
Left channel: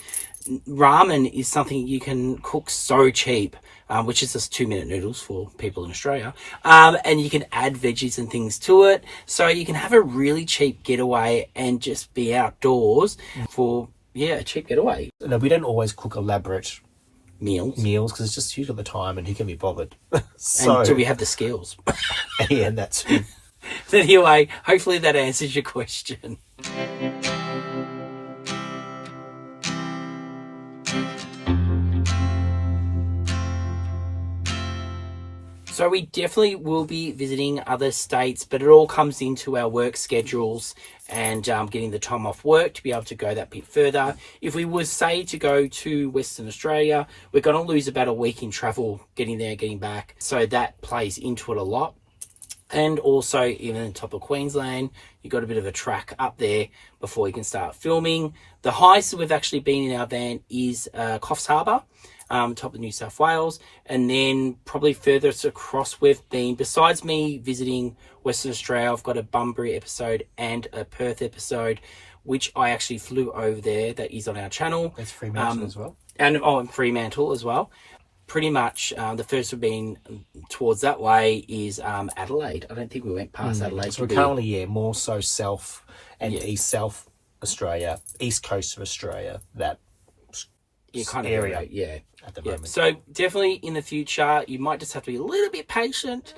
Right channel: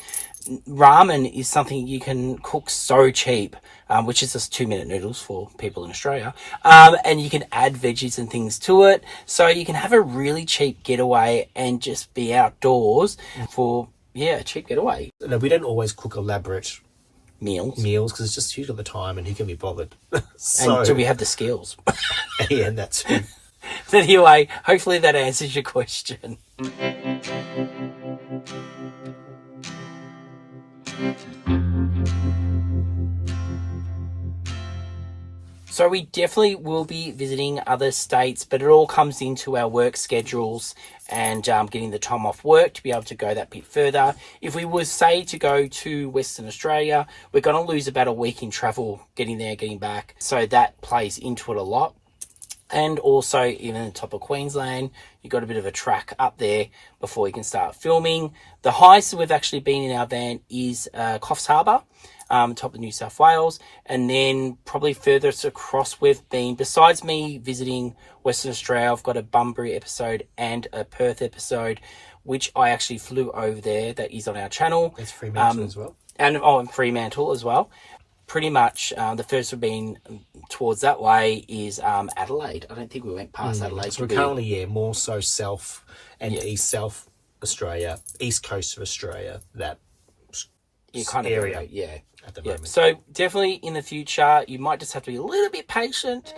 ramen is something you can cook so cheap, which is just 2-minute noodles for people in Australia, and you can add veggies and things to it, so you can have a really cheap getaway and just be outdoors for. Yeah, a cheap getaway. No, we don't always cook elaborate meals because it's just huge at the time and who can be bothered. And do we have the skills? Yeah, and that's... But anyway, hopefully that answers your question. So we definitely will be visiting other states, but it all comes into our work schedules and getting the time off work to be able to go that bit further. If we were, say, to go to Western Australia, we're going to lose about a week in travel, getting there, getting back. So that plays into it a lot. And also, even on top of Queensland, you've got a bit of a track up there before you can start filming. The highest we've actually been in our van is Coffs Harbour. Top of New South Wales, and then probably furthest across we've been, besides me visiting Western Australia, I've got a Bunbury episode and a Perth episode, which I actually flew over there, that is on our channel. It's Fremantle as well. And Fremantle as well. Pretty much the first we've been towards that way is Adelaide. I don't think we went past Adelaide. So we're currently, more so South and East South Australia, East Coast of Australia, that kind of area, at the moment. So definitely in the future, you might just have to be a little bit patient.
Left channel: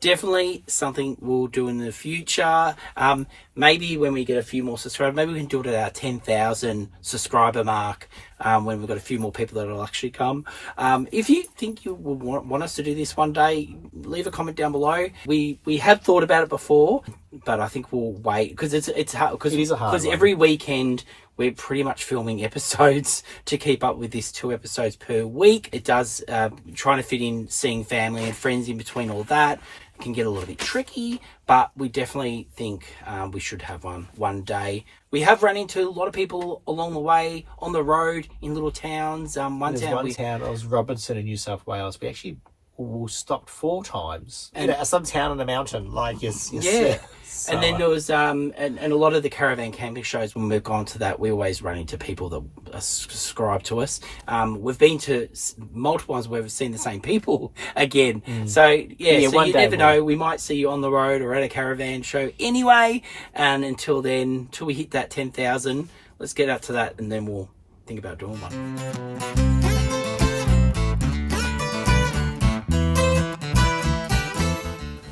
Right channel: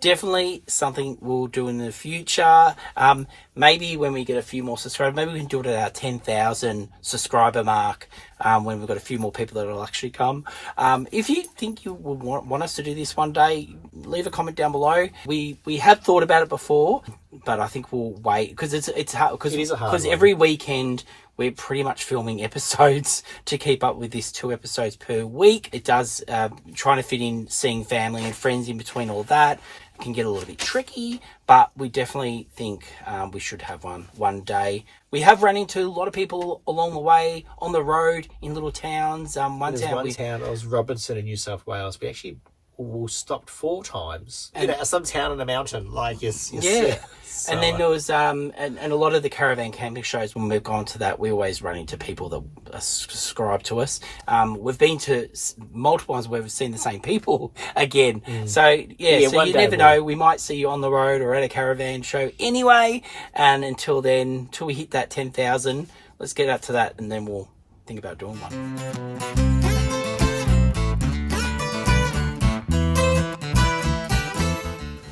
Definitely something we'll do in the future. Maybe when we get a few more subscribers, maybe we can do it at our 10,000 subscriber mark, when we've got a few more people that will actually come. If you think you would want us to do this one day, leave a comment down below. We have thought about it before, but I think we'll wait because it's hard. It is a hard because one. every weekend we're pretty much filming episodes to keep up with this 2 episodes per week. It does trying to fit in seeing family and friends in between all that. Can get a little bit tricky, but we definitely think we should have one day. We have run into a lot of people along the way on the road in little towns. Town, it was Robinson in New South Wales. We actually stopped 4 times in some town on a mountain, like yeah. And then there was and a lot of the caravan camping shows, when we've gone to that, we always run into people that subscribe to us. We've been to multiple ones where we've seen the same people again. So so you never know, we might see you on the road or at a caravan show anyway. And until then, till we hit that 10,000, let's get up to that, and then we'll think about doing one.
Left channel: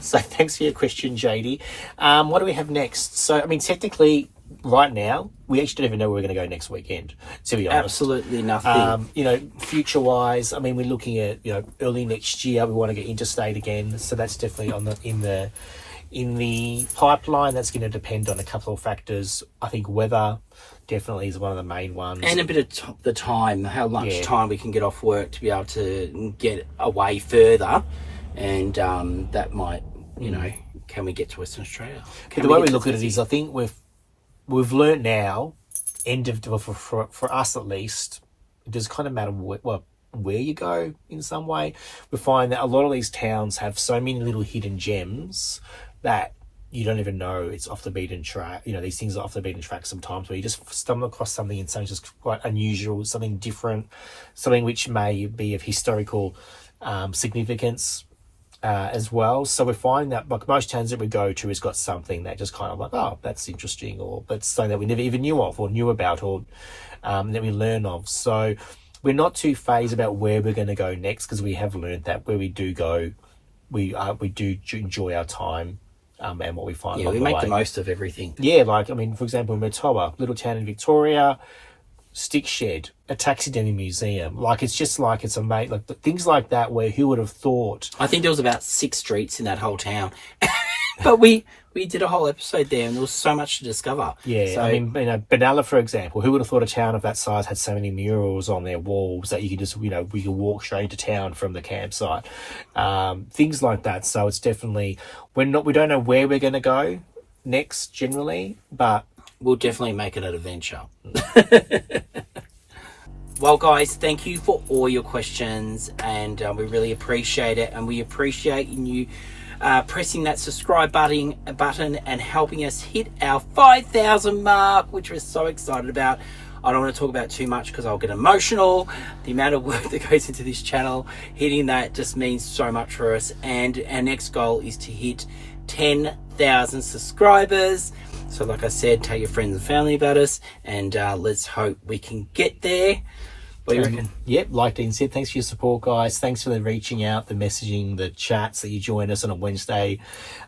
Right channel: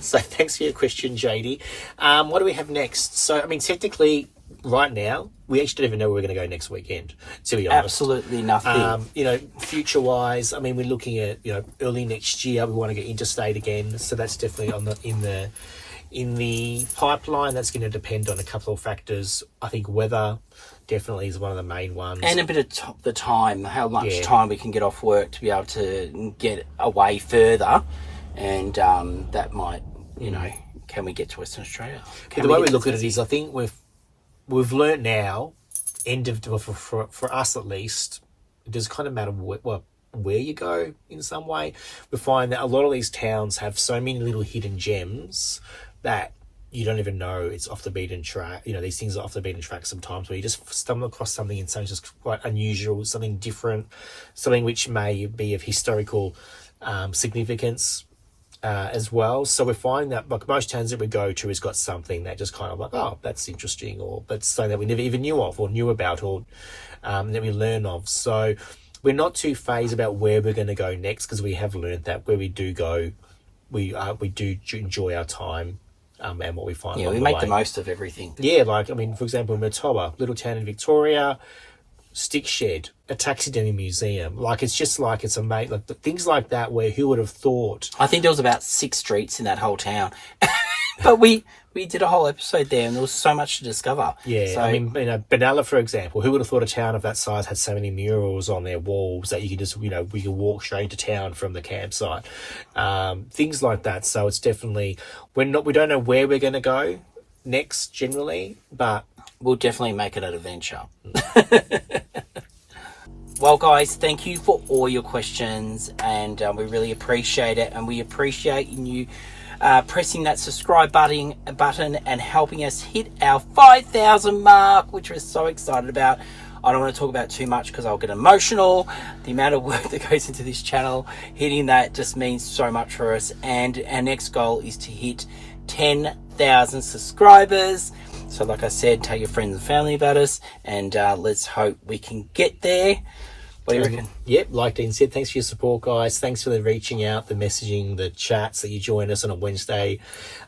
So thanks for your question, JD. What do we have next? So, I mean, technically, right now, we actually don't even know where we're going to go next weekend, to be honest. Absolutely nothing. Future-wise, I mean, we're looking at, early next year, we want to get Interstate again. So that's definitely in the pipeline. That's going to depend on a couple of factors. I think weather definitely is one of the main ones. And a bit of the time, how much time we can get off work to be able to get away further. And that might... can we get to Western Australia? The way we look at it is, I think we've learnt now, for us at least, it does kind of matter where you go in some way. We find that a lot of these towns have so many little hidden gems that you don't even know it's off the beaten track. These things are off the beaten track sometimes, where you just stumble across something and something just quite unusual, something different, something which may be of historical significance. As well. So we find that like most towns that we go to has got something that just kind of like, oh, that's interesting, or that's something that we never even knew of or knew about, or that we learn of. So we're not too phased about where we're going to go next, because we have learned that where we do go, we do enjoy our time and what we find. Yeah, we make the most of everything. Yeah, for example, Murtoa, little town in Victoria, stick shed, a taxidermy museum. It's amazing. Things like that, where who would have thought? I think there was about 6 streets in that whole town. But we We did a whole episode there, and there was so much to discover. Yeah, So, I mean, Benalla, for example, who would have thought a town of that size had so many murals on their walls that you can just, we can walk straight into town from the campsite, things like that. So it's definitely, we don't know where we're going to go next generally, but we'll definitely make it an adventure. Well, guys, thank you for all your questions, and we really appreciate it, and we appreciate you pressing that subscribe button and helping us hit our 5,000 mark, which we're so excited about. I don't want to talk about too much because I'll get emotional. The amount of work that goes into this channel, hitting that just means so much for us, and our next goal is to hit 10,000 subscribers. So like I said, tell your friends and family about us, and let's hope we can get there. What do you reckon? Yep, like Dean said, thanks for your support, guys. Thanks for the reaching out, the messaging, the chats that you join us on a Wednesday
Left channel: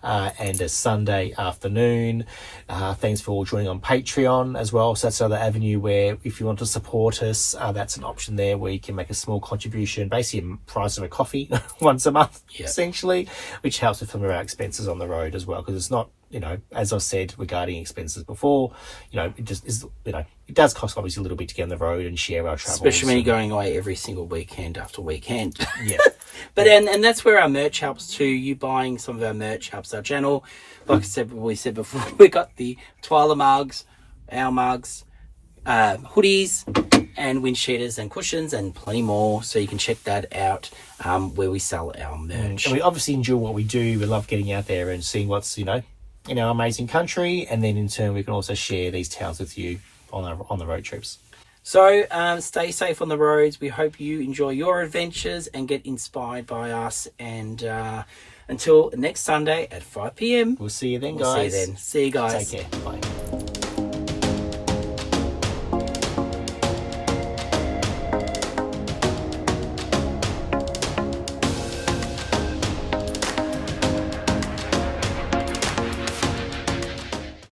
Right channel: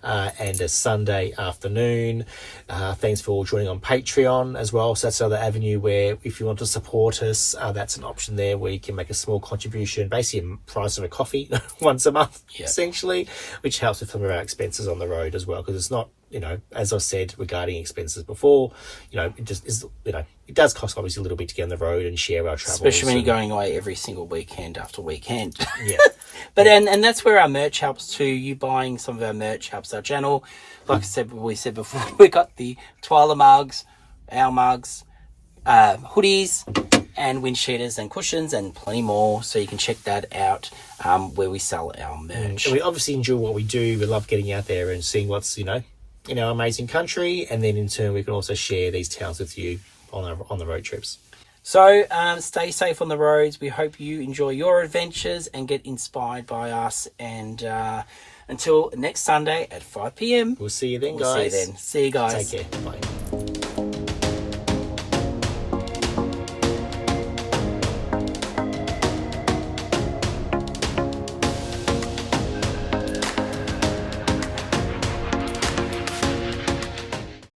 and a Sunday afternoon. Thanks for all joining on Patreon as well. So that's another avenue where if you want to support us, that's an option there where you can make a small contribution, basically the price of a coffee once a month, essentially, which helps with some of our expenses on the road as well, because it's not, as I've said regarding expenses before, it just is, it does cost obviously a little bit to get on the road and share our travels. Especially when you're going away every single weekend after weekend. Yeah. But and that's where our merch helps too. You buying some of our merch helps our channel. Like I said, we said before, we got the Twyla mugs, our mugs, hoodies, and wind cheaters and cushions and plenty more. So you can check that out where we sell our merch. And we obviously enjoy what we do. We love getting out there and seeing what's, in our amazing country, and then in turn we can also share these tales with you on the road trips. So stay safe on the roads. We hope you enjoy your adventures and get inspired by us, and until next Sunday at 5 p.m. We'll see you then, guys. See you then. See you guys. Take care. Bye.